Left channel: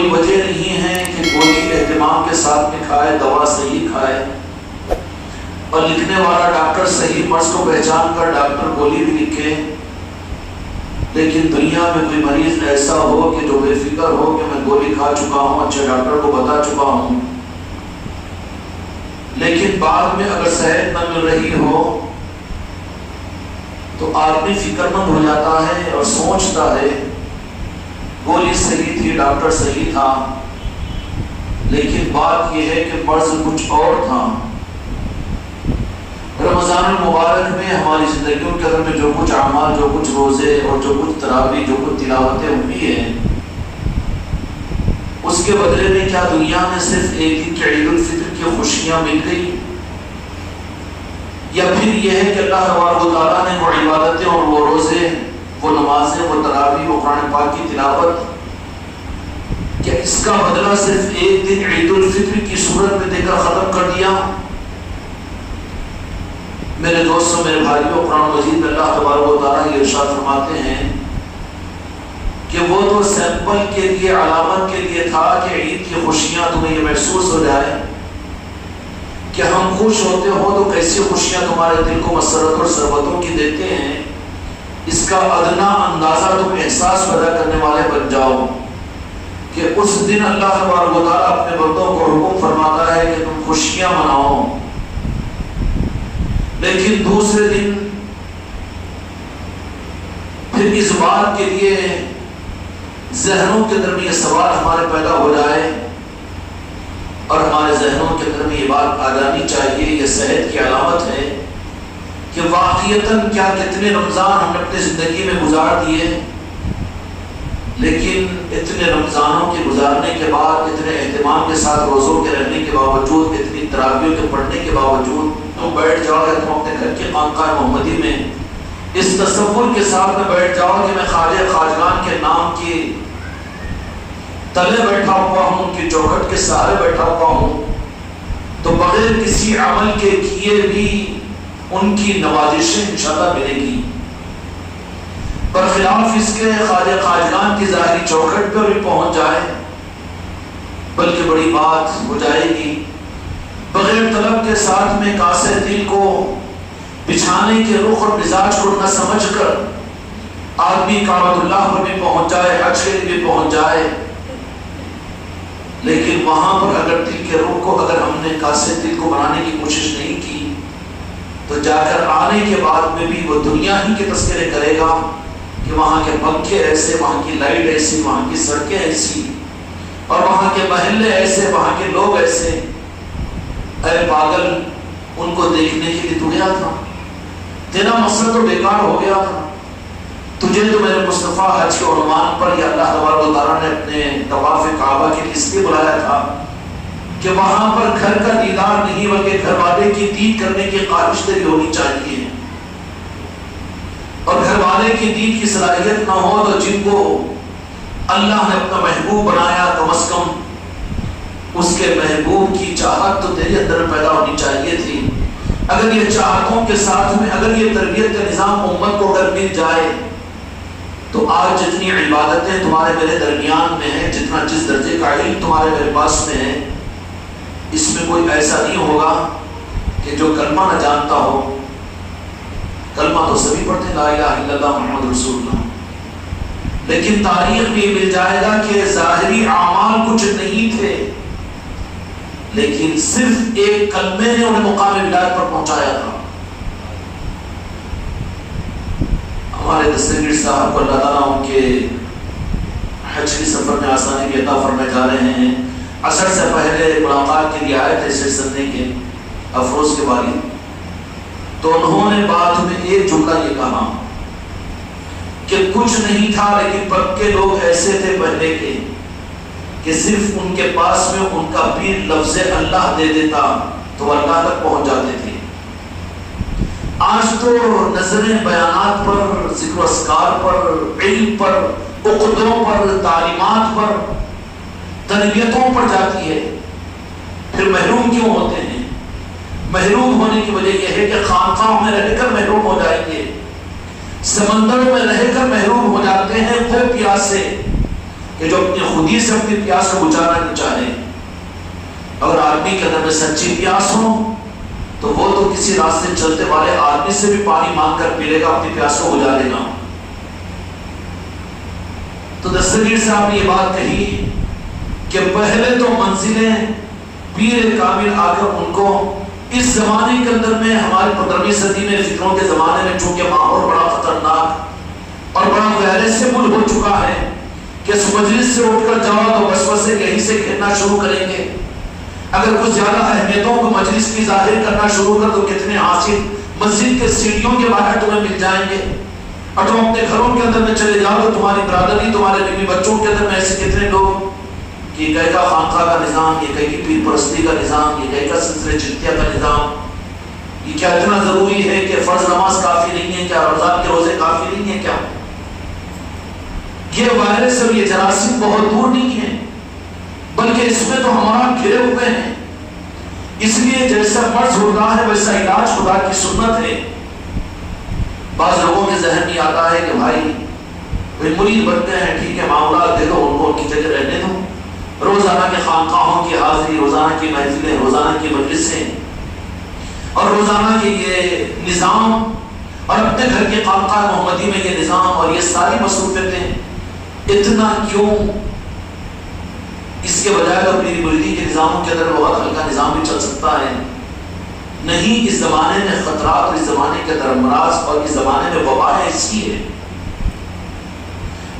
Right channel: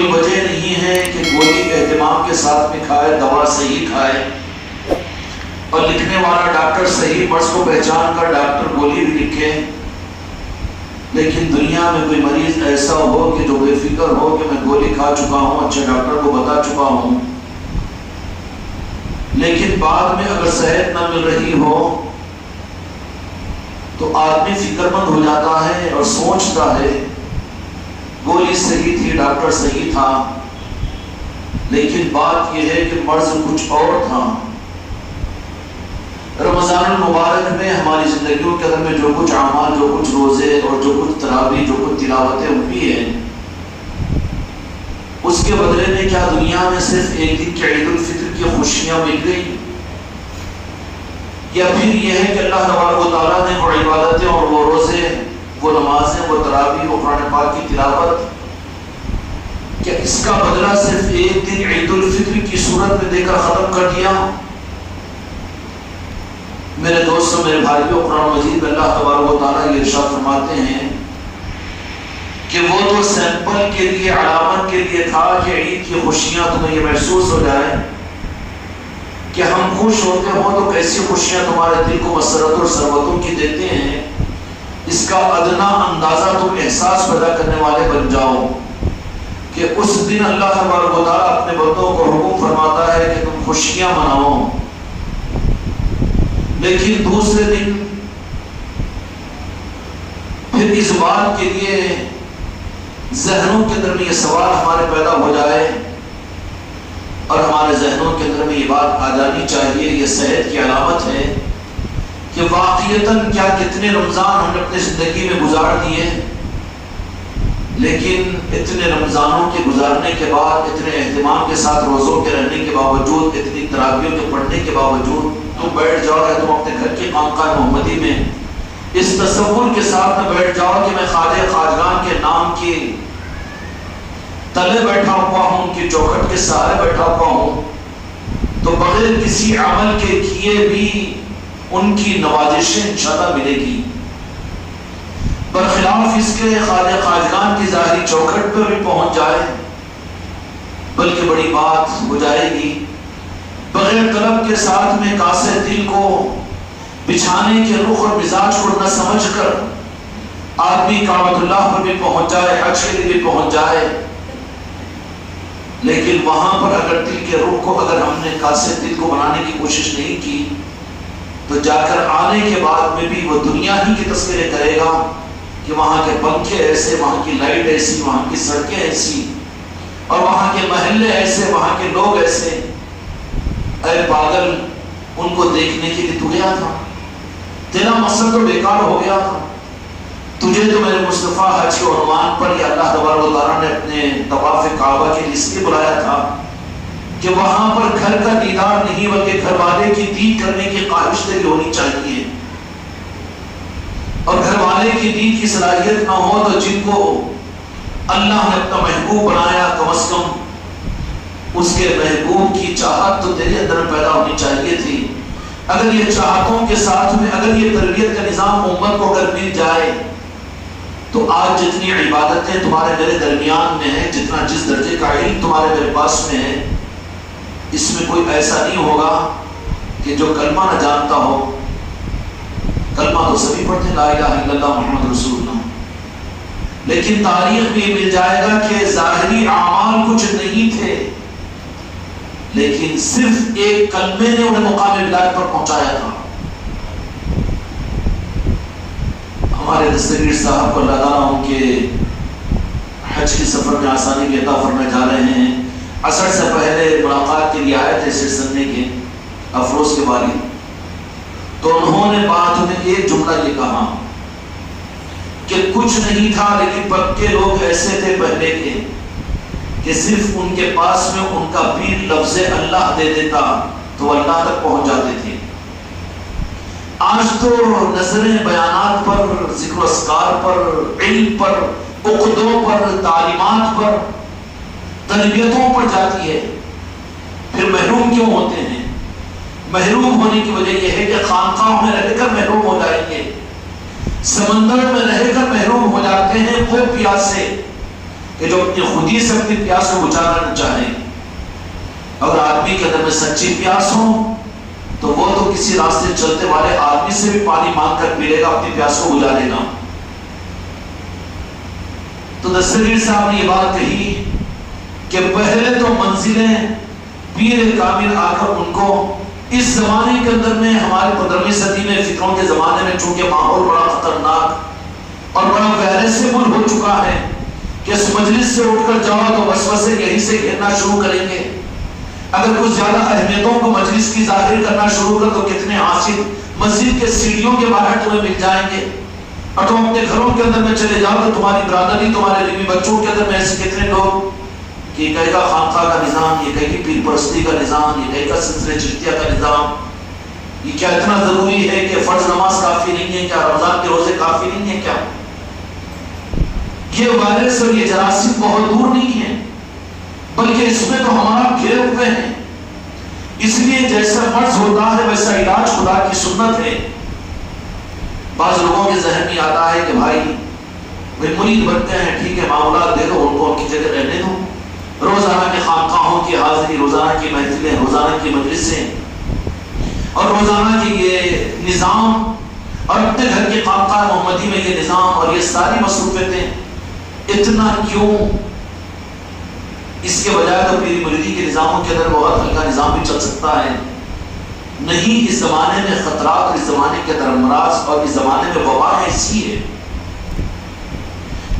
کوئی وجہ نہیں ہے کہ گولی اہتمام کے ساتھ میں کھائے، دوا صحیح کھائے، اور لکھنے والا ڈاکٹر صحیح مرض کو پہچان کر ڈاکٹر گولی بھی لکھے، لیکن دنیا میں کوئی مریض ایسا ہو کہ جو بے فکر ہو کہ میں گولی کھا چکا ہوں، اچھے ڈاکٹر کو بتا چکا ہوں، لیکن بعد میں اگر صحت نہ مل رہی ہو تو آدمی فکر مند ہو جاتا ہے اور سوچتا ہے گولی صحیح تھی، ڈاکٹر صحیح تھا، لیکن بات یہ ہے کہ مرض کچھ اور تھا۔ رمضان المبارک میں ہماری زندگیوں کے اندر میں جو کچھ اعمال، جو کچھ روزے اور جو کچھ تراویح، جو کچھ تلاوتیں ہوئی ہیں، اس کے بدلے میں کیا دنیا میں صرف ایک دن کے عید الفطر کی خوشیاں مل گئی، یا پھر یہ ہے کہ اللہ تبارک و تعالیٰ نے وہ عبادتیں اور وہ روزے، وہ نمازیں، وہ تراویح، وہ قرآن پاک کی تلاوت، کیا اس کا بدلہ صرف ایک دن عید الفطر کی صورت میں دے کر ختم کر دیا؟ میرے دوستوں، میرے بھائیوں، قرآن مجید اللہ تبارک و تعالیٰ یہ ارشاد فرماتے ہیں کہ وہ تو سیمپل کے لیے، علامت کے لیے تھا کہ عید کی خوشیاں تمہیں یہ محسوس ہو جائیں کہ ہم خوش ہوتے ہوں تو کیسی خوشیاں تمہارے دل کو مسرت اور سربتوں کی دیتے ہیں، اس کا ادنا اندازہ تم احساس پیدا کرنے والے بن جاؤ کہ اس دن اللہ تبارک و تعالیٰ اپنے بندوں کو حکم فرماتا ہے کہ تم خوشیاں مناؤ، لیکن دوسرے دن پھر اس بات کے لیے ذہنوں کے اندر میں یہ سوال ہمارے پیدا ہو جائے اور ہمارے ذہنوں کے اندر میں یہ بات آ جانی چاہیے، یہ صحت کی علامت ہے کہ واقعیتاً کیا کتنے رمضان ہم نے اپنی زندگی میں گزار دیے، لیکن اتنے رمضانوں کے گزارنے کے بعد، اتنے اہتمام کے ساتھ روزوں کے رہنے کے باوجود، اتنی تراویحوں کے پڑھنے کے باوجود تم بیٹھ جاؤ ہے، تم اپنے گھر کے خانقاہ محمدی میں اس تصور کے ساتھ میں بیٹھ جاؤ کہ میں خواجہ خواجگان کے نام کی تلے بیٹھا ہوا ہوں، ان کی چوکھٹ کے سہارے بیٹھا ہوا ہوں، تو بغیر کسی عمل کے کیے بھی ان کی نوازشیں انشاءاللہ ملے گی، برخلاف اس کے خواجہ خواجگان کی ظاہری چوکھٹ پر بھی پہنچ جائے بلکہ بڑی بات ہو جائے گی۔ بغیر طلب کے ساتھ میں کاسے دل کو بچھانے کے رخ اور مزاج کو نہ سمجھ کر آدمی کعبۃ اللہ پر بھی پہنچ جائے، حج کے لیے بھی پہنچ جائے، لیکن وہاں پر اگر دل کے رخ کو اگر ہم نے کاسے دل کو بنانے کی کوشش نہیں کی تو جا کر آنے کے بعد میں بھی وہ دنیا ہی کے تذکرے کرے گا کہ وہاں کے پنکھے ایسے، وہاں کی لائٹ ایسی، وہاں کی سڑکیں ایسی، اور وہاں کے محلے ایسے، وہاں کے لوگ ایسے۔ اے پاگل، ان کو دیکھنے کے لیے تو گیا تھا، تیرا مقصد تو بیکار ہو گیا تھا، تجھے تو میرے مصطفیٰ حج کے عنوان پر یا اللہ تبارک و تعالیٰ نے اپنے طواف کعبہ کے لیے اس لیے بلایا تھا کہ وہاں پر گھر کا دیدار نہیں بلکہ گھر والے کی دید کرنے کی خواہش تیری ہونی چاہیے، اور گھر والے کی دید کی صلاحیت نہ ہو تو جن کو اللہ نے اپنا محبوب بنایا کم از کم اس کے محبوب کی چاہت تو تیرے اندر پیدا ہونی چاہیے تھی۔ اگر یہ چاہتوں کے ساتھ میں اگر یہ تربیت کا نظام امت کو اگر مل جائے تو آج جتنی عبادتیں تمہارے میرے درمیان میں ہیں، جتنا جس درجے کا علم تمہارے میرے پاس میں ہے، اس میں کوئی ایسا نہیں ہوگا کہ جو کلمہ نہ جانتا ہو۔ کلمہ تو سبھی پڑھتے ہیں، لا الہ الا اللہ محمد رسول اللہ، لیکن تاریخ بھی مل جائے گا کہ ظاہری اعمال کچھ نہیں تھے، لیکن صرف ایک کلمے نے انہیں مقام ولایت پر پہنچایا تھا۔ ہمارے دستگیر صاحب کو اللہ تعالیٰ ان کے حج کی سفر میں آسانی کی عطا فرمائے جا رہے ہیں، عصر سے پہلے ملاقات کے لیے آئے تھے سر سننے کے افروز کے والی، تو انہوں نے بات میں ایک جملہ یہ کہا کہ کچھ نہیں تھا لیکن پکے لوگ ایسے تھے پہلے کے کہ صرف ان کے پاس میں ان کا پیر لفظ اللہ دے دیتا تو اللہ تک پہنچ جاتے تھے۔ آج تو نظریں بیانات پر، ذکر و اذکار پر، علم پر، عقدوں پر، تعلیمات پر، تربیتوں پر جاتی ہے، پھر محروم کیوں ہوتے ہیں؟ محروم ہونے کی وجہ یہ ہے کہ خانقاہوں میں رہ کر محروم ہو جائیں گے، سمندر میں رہ کر محروم ہو جاتے ہیں، وہ پیاسے کہ جو اپنی خودی سے اپنی پیاس کو بجھانا نہ چاہے. اگر آدمی کے اندر میں سچی پیاس ہو تو وہ تو کسی راستے چلتے والے آدمی سے بھی پانی مانگ کر پی لے گا، اپنی پیاس کو بجھا لے گا. تو دستگیر صاحب نے یہ بات کہی کہ پہلے تو منزلیں پیر کامل آ کر ان کو اس زمانے کے اندر میں، ہمارے 15ویں صدی میں فکروں کے زمانے میں چونکہ ماحول بڑا خطرناک اور بڑا ویریسیبل ہو چکا ہے کہ اس مجلس سے اٹھ کر جاؤ تو وسوسے یہیں سے گھرنا شروع کریں گے. اگر کچھ زیادہ اہمیتوں کو مجلس کی ظاہر کرنا شروع کر تو کتنے حاصل مسجد کے سیڑھیوں کے باہر تمہیں مل جائیں گے. اور تم اپنے گھروں کے اندر میں چلے جاؤ تو تمہاری برادری، تمہارے بیوی بچوں کے اندر میں ایسے کتنے لوگ کہ یہ کہے گا خانقاہ کا نظام، یہ کہے گی پیر پرستی کا نظام، یہ کہے گا سلسلہ چشتیہ کا نظام. یہ کیا اتنا ضروری ہے کہ فرض نماز کافی نہیں ہے کیا؟ رمضان کے روزے کافی نہیں ہے کیا؟ یہ وائرس اور یہ جراثیم بہت دور نہیں ہے، بلکہ اس میں تو ہمارا گھرے ہوئے ہیں. اس لیے جیسا مرض ہوتا ہے ویسا علاج خدا کی سنت ہے. بعض لوگوں کے ذہن میں آتا ہے کہ بھائی مرید بنتے ہیں، ٹھیک ہے، معاملات دے دو، ان کو کی جگہ رہنے دو، روزانہ کے خانقاہوں کی حاضری، روزانہ کی محفلیں، روزانہ کی مجلسیں اور روزانہ کے یہ نظام اور اپنے گھر کے خانقاہ محمدی میں یہ نظام اور یہ ساری مصروفیتیں اتنا کیوں؟ اس کے بجائے تو میری مریدی کے نظاموں کے اندر بہت ہلکا نظام بھی چل سکتا ہے. نہیں، اس زمانے میں خطرات اور اس زمانے کے اندر امراض اور اس زمانے میں وبا ایسی ہے.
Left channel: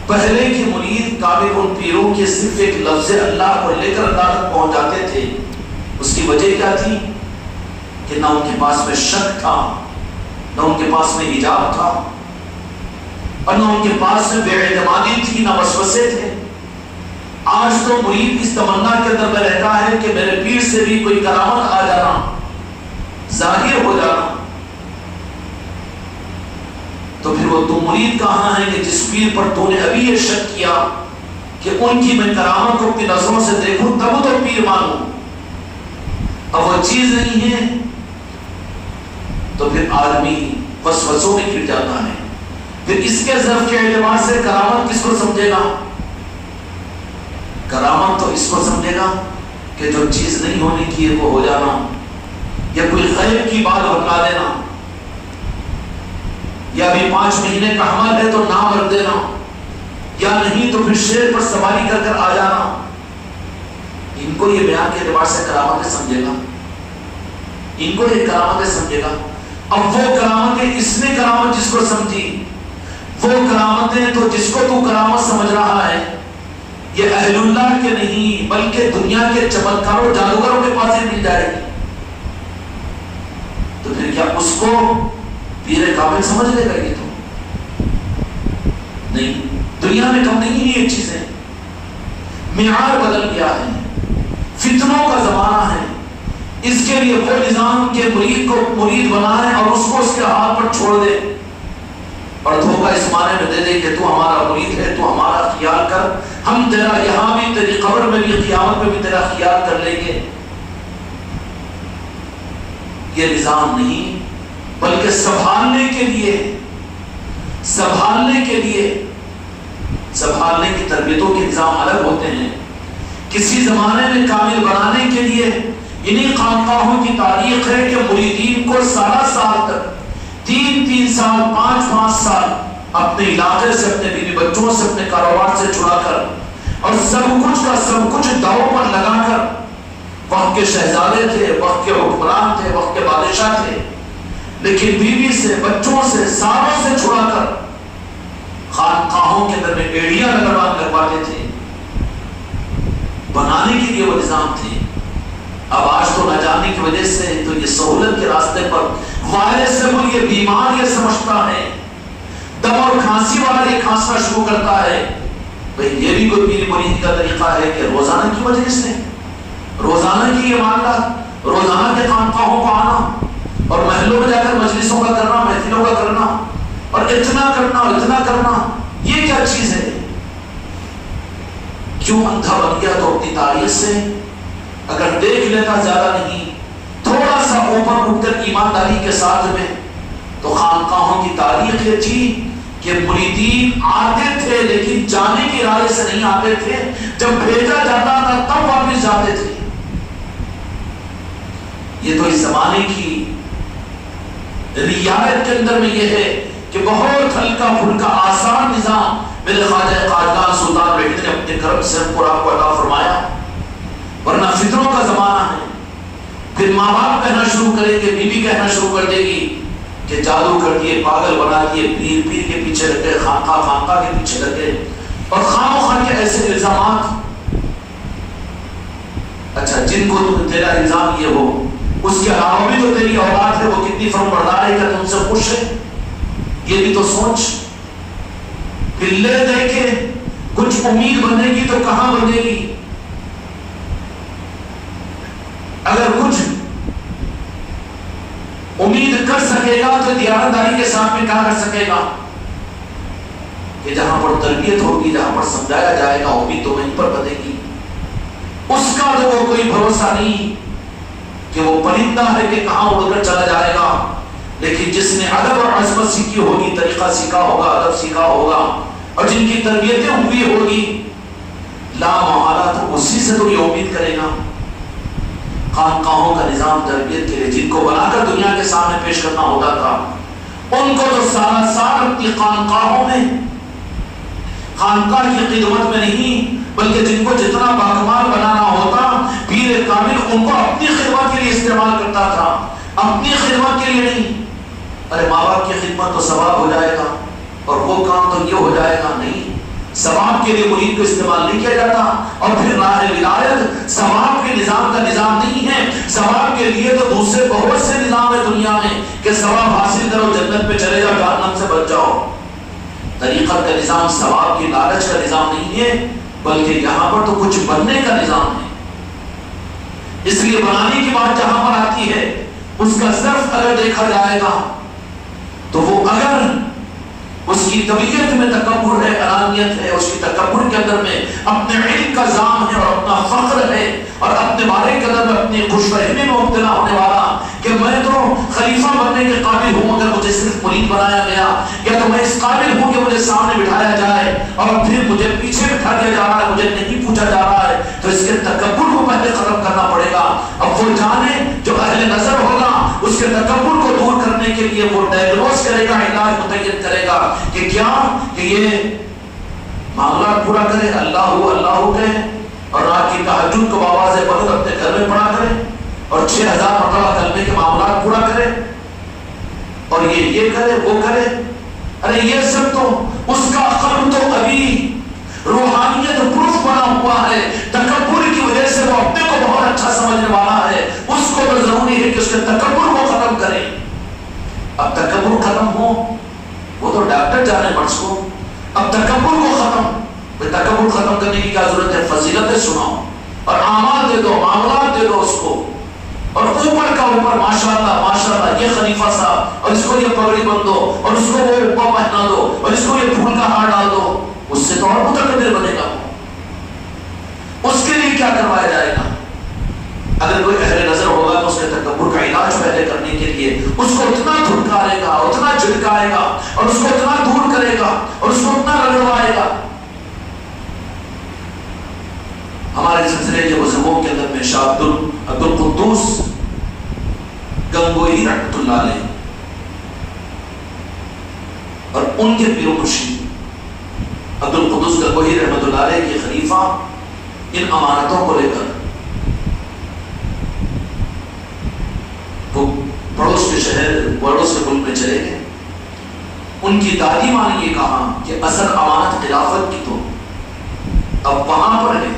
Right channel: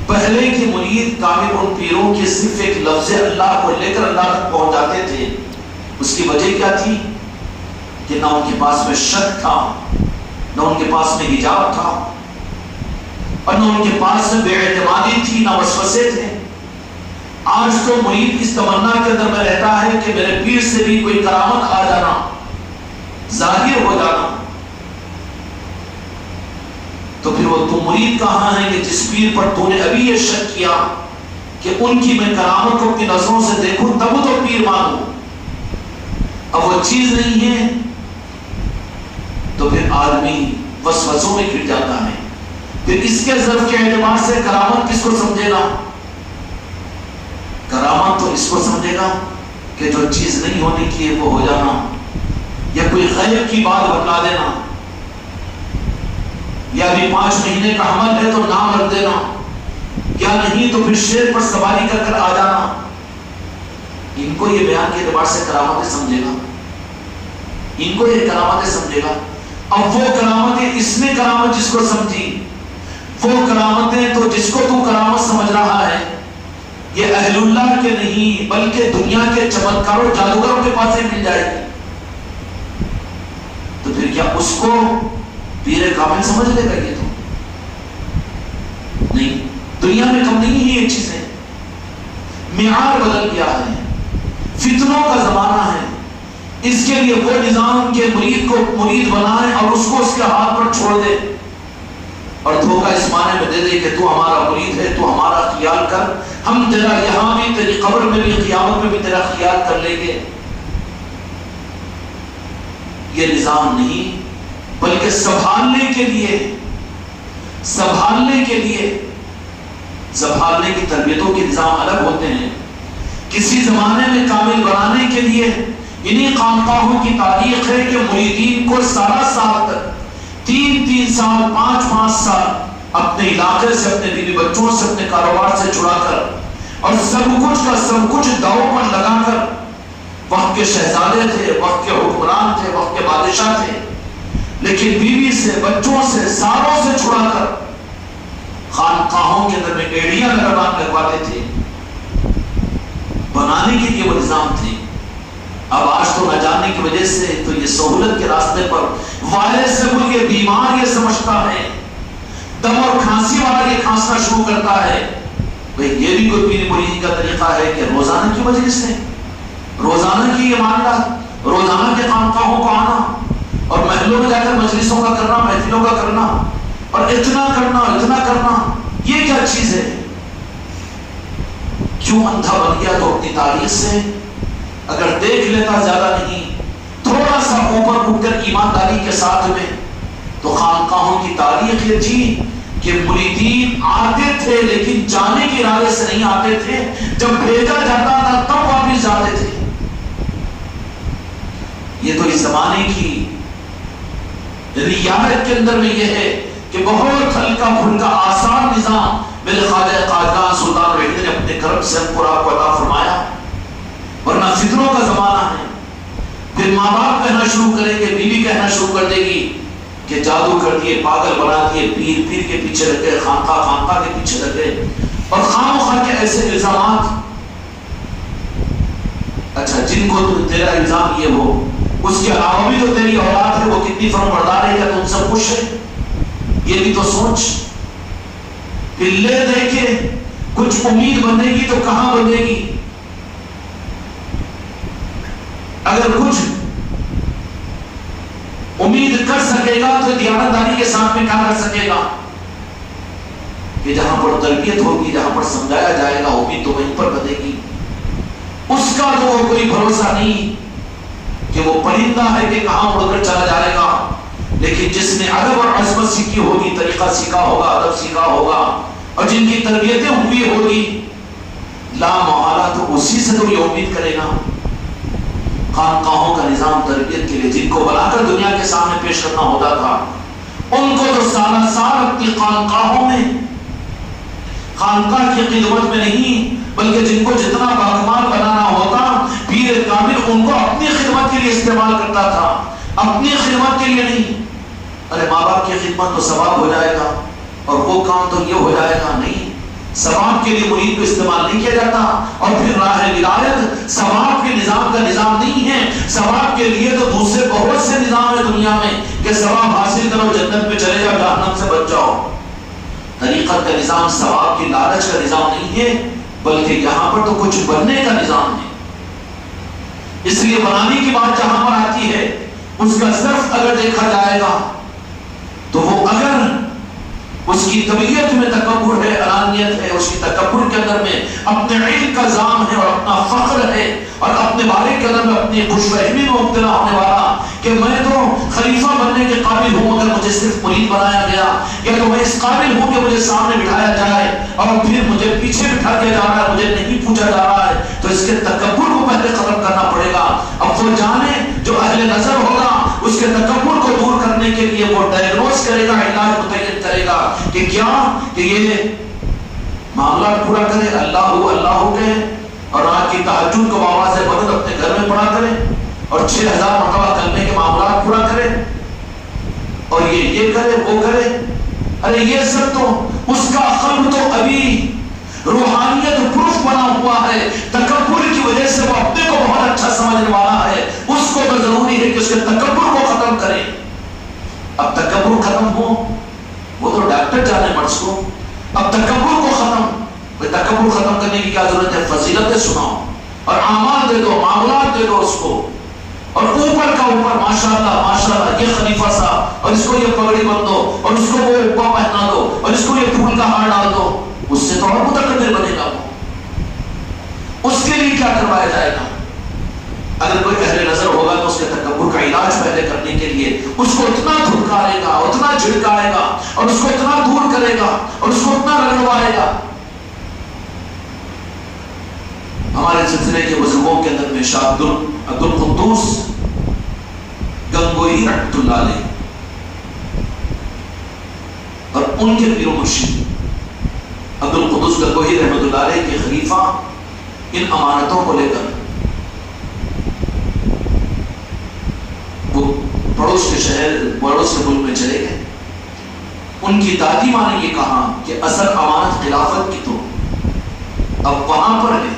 پہلے کے مرید کامل ان پیروں کے صرف ایک لفظ اللہ کو لے کر اللہ تک پہنچ جاتے تھے. اس کی وجہ کیا تھی؟ کہ نہ ان کے پاس میں شک تھا، نہ ان کے پاس میں حجاب تھا، اور نہ ان کے پاس میں بے اعتمادی تھی، نہ وسوسے تھے. آج تو مرید اس تمنا کے اندر میں رہتا ہے کہ میرے پیر سے بھی کوئی کرامت آ جانا، ظاہر ہو جانا. تو پھر وہ تو مرید کہاں ہے کہ جس پیر پر تو نے ابھی یہ شک کیا کہ ان کی میں کرامت کو اپنی نظروں سے دیکھوں تب تو پیر مانوں، اب وہ چیز نہیں ہے تو پھر آدمی وسوسوں میں گر جاتا ہے. پھر اس کے ظرف کے اعتبار سے کرامت کس کو سمجھے گا؟ کرامت تو اس کو سمجھے گا کہ جو چیز نہیں ہونے کی ہے وہ ہو جانا، یا کوئی غیب کی بات بتلا دینا، یا بھی 5 مہینے کا حمل ہے تو نام رکھ دینا، یا نہیں تو پھر شیر پر سواری کر کر آ جانا. ان کو یہ بیان کے اعتبار سے کرامتیں سمجھے گا، ان کو یہ کرامتیں سمجھے گا. اب وہ کرامتیں، اس نے کرامت جس کو سمجھی، وہ کرامتیں تو جس کو تو کرامت سمجھ رہا ہے یہ اہل اللہ کے نہیں بلکہ دنیا کے چمتکاروں جادوگروں کے پاس ہی مل جائے گی. تو پھر کیا اس کو پیر کامل سمجھ لے گا؟ یہ تو نہیں. دنیا میں کم نہیں ہے یہ چیزیں، معیار بدل گیا ہے، فتنوں کا زمانہ ہے. اس کے لیے وہ نظام کے مرید کو مرید بنائے اور اس کو اس کے ہاتھ پر چھوڑ دے اور دھوکہ اس معنی میں دے دے کہ تو ہمارا مرید ہے، تو ہمارا خیال کر، ہم تیرا یہاں بھی، تیری قبر میں بھی، قیامت میں بھی تیرا خیال کر لیں گے. یہ نظام نہیں، بلکہ سنبھالنے کے کی تربیتوں کے نظام الگ ہوتے ہیں. کسی زمانے میں کامل بنانے کے لیے انہی خانقاہوں کی تاریخ ہے کہ مریدین کو سالہ سال تک 3 سال 5 سال اپنے علاقے سے، اپنے بیوی بچوں سے، اپنے کاروبار سے چھڑا کر اور سب کچھ کا سب کچھ داؤ پر لگا کر، وقت کے شہزادے تھے، وقت کے حکمران تھے، وقت کے بادشاہ تھے، لیکن بیوی سے، بچوں سے، سالوں سے چھڑا کر خانقاہوں کے اندر میں ایڑیاں لگواتے تھے. بنانے کے لیے وہ نظام تھے. اب آج تو نہ جانے کی وجہ سے تو یہ سہولت کے راستے پر وائرس سے وہ یہ بیمار یہ سمجھتا ہے، دم اور کھانسی والا یہ کھانسنا شروع کرتا ہے. بھئی یہ بھی کوئی پیر مریدی کا طریقہ ہے کہ روزانہ کی وجہ سے، روزانہ کی یہ معاملات، روزانہ کے خانقاہوں کو آنا اور محلوں میں جا کر مجلسوں کا کرنا، محفلوں کا کرنا اور اتنا کرنا، یہ کیا چیز ہے؟ کیوں اندھا بن گیا؟ تو اپنی تاریخ سے اگر دیکھ لیتا، زیادہ نہیں، تھوڑا سا اوپر اٹھ کر ایمانداری کے ساتھ میں، تو خانقاہوں کی تاریخ یہ تھی کہ مریدین آتے تھے لیکن جانے کے ارادے سے نہیں آتے تھے، جب بھیجا جاتا تھا تب واپس جاتے تھے۔ یہ تو اس زمانے کی رعایت کے اندر میں یہ ہے کہ بہت ہلکا پھلکا آسان نظام میرے خواجہ تاجدار سلطان وحید نے اپنے کرم سے ہم کو آپ کو عطا فرمایا، ورنہ فتنوں کا زمانہ ہے۔ پھر ماں باپ کہنا شروع کریں گے، بیوی کہنا شروع کر دے گی کہ جادو کر دیے، پاگل بنا دیے، پیر پیر کے پیچھے لگے، خانقاہ خانقاہ کے پیچھے لگے، اور خواہ مخواہ کے ایسے الزامات۔ اچھا جن کو تیرا الزام یہ ہو، اس کے علاوہ بھی تو تیری اولاد ہے، وہ کتنی فرم بردار ہے، کہ تم سے خوش ہے، یہ بھی تو سوچ۔ پھر لے دے کے کچھ امید بنے گی تو کہاں بنے گی؟ اگر کچھ امید کر سکے گا تو دیانتداری کے ساتھ میں کہاں کر سکے گا کہ جہاں پر تربیت ہوگی، جہاں پر سمجھایا جائے گا، امید تو وہیں پر بنے گی۔ اس کا تو وہ کوئی بھروسہ نہیں کہ وہ پرندہ ہے کہ کہاں اڑ کر چلا جائے گا، لیکن جس نے ادب اور عظمت سیکھی ہوگی، طریقہ سیکھا ہوگا، ادب سیکھا ہوگا، اور جن کی تربیتیں ہوئی ہوگی، لا محالہ تو اسی سے تو یہ امید کرے گا۔ خانقاہوں کا نظام تربیت کے لیے جن کو بنا کر دنیا کے سامنے پیش کرنا ہوتا تھا، ان کو تو سالہ سال اپنی خانقاہوں میں، خانقاہ کی خدمت میں نہیں بلکہ جن کو جتنا باکمال بنانا ہوتا، پیر کامل ان کو اپنی خدمت کے لیے استعمال کرتا تھا، اپنی خدمت کے لیے نہیں۔ ارے ماں باپ کی خدمت تو ثواب ہو جائے گا، اور وہ کام تو یہ ہو جائے گا، نہیں، ثواب کے لیے مرید کو استعمال نہیں کیا جاتا۔ اور پھر راہ ولایت ثواب کے نظام کا نظام نہیں ہے، ثواب کے لیے تو دوسرے بہت سے نظام ہے دنیا میں کہ ثواب حاصل کرو، جنت پہ چلے جاؤ، جہنم سے بچ جاؤ۔ طریقت کا نظام ثواب کی لالچ کا نظام نہیں ہے، بلکہ یہاں پر تو کچھ بننے کا نظام ہے۔ اس لیے بنانے کی بات جہاں پر آتی ہے، اس کا صرف اگر دیکھا جائے گا تو وہ اگر اس کی طبیعت میں تکبر ہے، انانیت ہے، اس کی تکبر کے اندر میں اپنے علم کا ذام ہے اور اپنا فخر ہے، اور اپنے بارے کے اندر میں اپنی خوش فہمی میں مبتلا ہونے والا کہ میں تو خلیفہ بننے کے قابل ہوں اگر مجھے صرف مرید بنایا گیا، یا تو میں اس قابل ہوں کہ مجھے سامنے بٹھایا جائے اور پھر مجھے پیچھے بٹھا دیا جا رہا ہے، مجھے نہیں پوچھا جا رہا ہے، تو اس کے تکبر کو پہلے ختم کرنا پڑے گا۔ اب وہ جانے جو اہل نظر ہوگا، اس کے تکبر کو دور کرنے کے لیے وہ ڈائگنوز کرے گا، علاج متعین کرے گا کہ کیا کہ یہ معاملہ پورا کرے، اللہ ہو کہے، اور رات کی تہجد کو بابا سے بغد اپنے گھر میں پڑھا کرے، اور 6000 مرتبہ کلمے کے معاملات پورا کرے، اور یہ کرے وہ کرے۔ ارے یہ سب تو اس کا قلب تو ابھی روحانیت پروف بنا ہوا ہے، تکبر کی وجہ سے وہ اپنے کو بہت اچھا سمجھنے والا ہے، اس کو تو ضروری ہے کہ اس کے تکبر کو ختم کرے۔ اب تکبر ختم ہو وہ تو ڈاکٹر جانے مرض کو، اب تکبر کو ختم، تکبر ختم کرنے کی کیا ضرورت ہے؟ فضیلتیں سناؤ اور اعمال دے دو، معاملات دے دو اس کو، اور اوپر کا اوپر ماشاءاللہ یہ خلیفہ صاحب، اور اس کو یہ پگڑی بن دو، اور اس کو وہ اوپا پہنا دو، اور اس کو یہ پھول کا ہار ڈال دو، اس سے تو اور متکبر بنے گا۔ اس کے لیے کیا کروایا جائے گا؟ اگر کوئی اہل نظر ہوگا تو اس کے تکبر کا علاج پہلے کرنے کے لیے اس کو اتنا دھڑکائے گا، اتنا جھڑکائے گا، اور اس کو اتنا دور کرے گا، اور اس کو اتنا رگڑوائے گا۔ ہمارے سلسلے کے بزرگوں کے اندر میں شاہ عبد القدوس گنگوئی رحمۃ اللہ علیہ اور ان کے پیر و مرشد عبد القدوس گنگوئی رحمۃ اللہ علیہ کے خلیفہ ان امانتوں کو لے کر وہ پڑوس کے شہر، پڑوس کے ملک میں چلے گئے۔ ان کی دادی ماں نے یہ کہا کہ اصل امانت خلافت کی تو اب وہاں پر ہے۔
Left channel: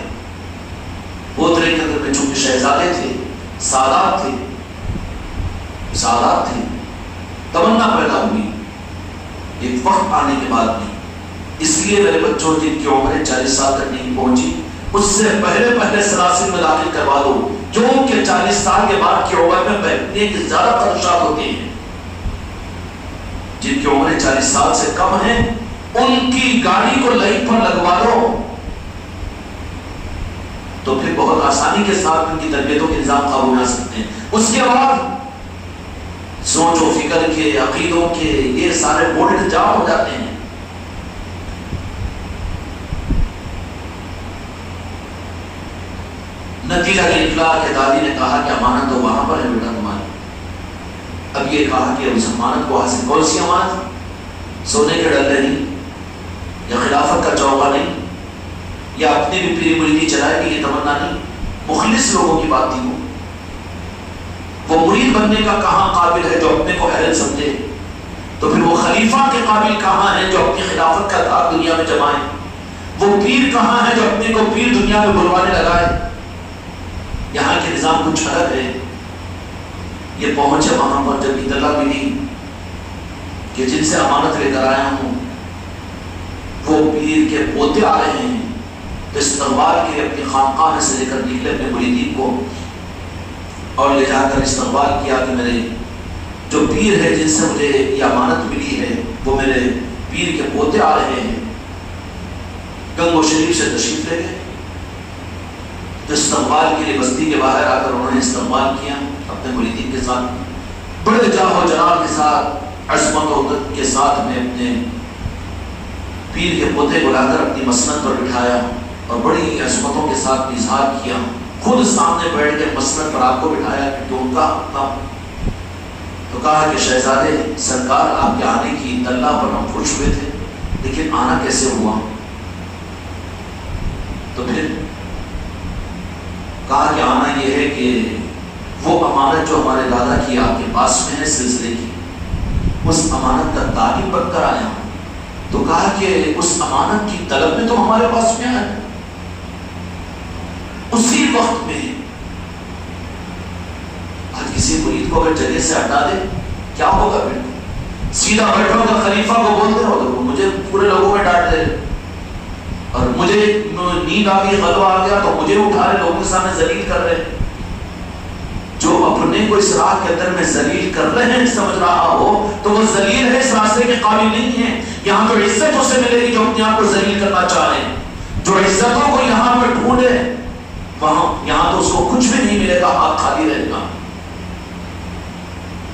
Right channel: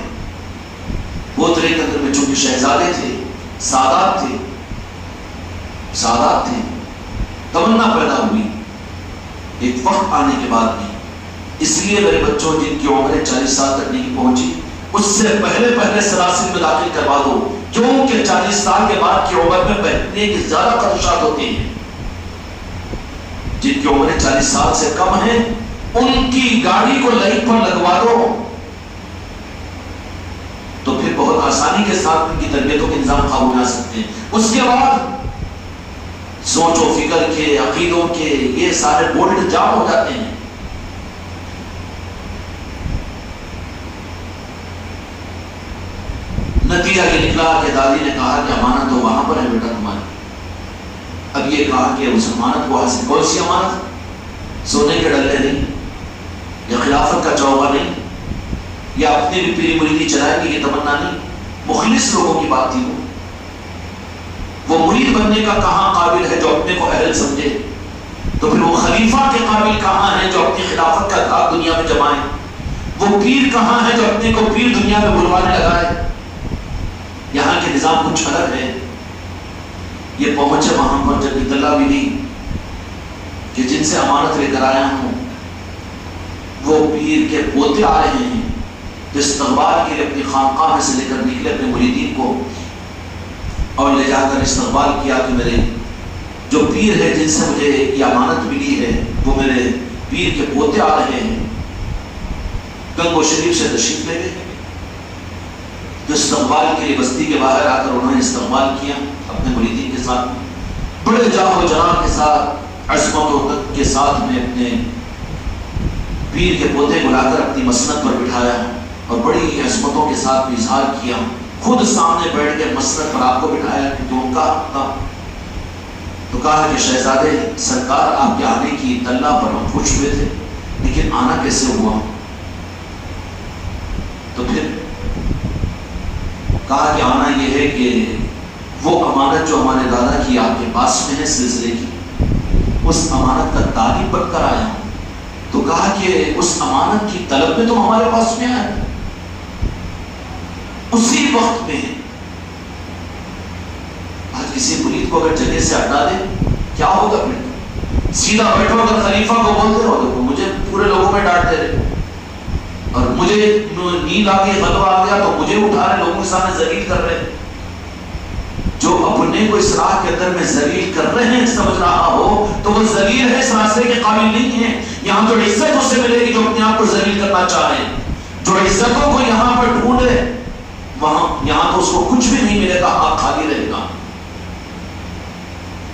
بودرے کے اندر میں چونکہ شہزادے تھے، سادات تھے، تمنا پیدا ہوئی ایک وقت آنے کے بعد میں، اس لیے میرے بچوں جن کی عمریں 40 سال تک نہیں پہنچی، اس سے پہلے سلاسل میں داخل کروا دو، کیونکہ 40 سال کے بعد کی عمر میں بہتنے کی زیادہ خدشات ہوتی ہیں۔ جن کی عمریں 40 سال سے کم ہیں ان کی گاڑی کو لائٹ پر لگوا دو، تو پھر بہت آسانی کے ساتھ ان کی تربیتوں کے نظام قابو میں آ سکتے ہیں۔ اس کے بعد سوچ و فکر کے، عقیدوں کے یہ سارے بولٹ جام ہو جاتے ہیں، نتیجہ یہ نکلا کہ دادی نے کہا کہ امانت تو وہاں پر ہے بیٹا تمہاری. اب یہ کہا کہ اس امانت کو حاصل، کون سی امانت؟ سونے کے ڈلے نہیں، یا خلافت کا چوکا نہیں، یا اپنی بھی پیری مریدی چلائے گی یہ تمنا نہیں. مخلص لوگوں کی بات تھی. وہ مرید بننے کا کہاں قابل ہے جو اپنے کو اہل سمجھے، تو پھر وہ خلیفہ کے قابل کہاں ہے جو اپنی خلافت کا داغ دنیا میں جمائے. وہ پیر کہاں ہے جو اپنے کو پیر دنیا میں بلوانے لگائے. یہاں کے نظام کچھ الگ ہے. یہ پہنچے وہاں پر جب اطلاع ملی کہ جن سے امانت لے کر آیا ہوں وہ پیر کے پوتے آ رہے ہیں، تو استقبال کے لیے اپنی خانقاہ میں سے لے کر نکلے اپنے مریدین کو اور لے جا کر استقبال کیا کہ میرے جو پیر ہے جن سے مجھے یہ امانت ملی ہے وہ میرے پیر کے پوتے آ رہے ہیں. گنگو شریف سے تشریف لے گئے. تو استقبال کے لیے بستی کے باہر آ کر انہوں نے استقبال کیا اپنے مریدین کے ساتھ، بڑے جاہ و جلال کے ساتھ، عظمت و عزت کے ساتھ میں اپنے پیر کے پوتے کو لا کر اپنی مسند پر بٹھایا اور بڑی عظمتوں کے ساتھ اظہار کیا. خود سامنے بیٹھ کر مسند پر آپ کو بٹھایا کہ ان کا تھا. تو کہا کہ شہزادے سرکار آپ کے آنے کی اطلاع پر ہم خوش ہوئے تھے، لیکن آنا کیسے ہوا؟ تو پھر کہا کہ آنا یہ ہے کہ وہ امانت جو ہمارے دادا کی آپ کے پاس میں ہے سلسلے کی، اس امانت کا تعلیم بن کر آیا ہوں. تو کہا کہ اس امانت کی طلب میں تو ہمارے پاس میں آئے. اسی وقت میں آج کسی مرید کو اگر جگہ سے ہٹا دے کیا ہوگا؟ پھر سیدھا بیٹھو اگر خلیفہ کو بولتے رہو دیکھو مجھے پورے لوگوں میں ڈانٹ دے رہے، اور مجھے نیند آ گئی، غضب آ گیا تو مجھے اٹھا رہے، لوگوں کے سامنے ذلیل کر رہے. جو اپنے کو اس راہ کے اندر میں ذلیل کر رہے ہیں سمجھ رہا ہو تو وہ ذلیل ہے، اس راستے کے قابل نہیں ہے. یہاں تو عزت اسے ملے گی جو اپنے آپ کو ذلیل کرنا چاہے. جو عزتوں کو یہاں پہ ڈھونڈے وہاں یہاں تو اس کو کچھ بھی نہیں ملے گا، آپ خالی رہے گا.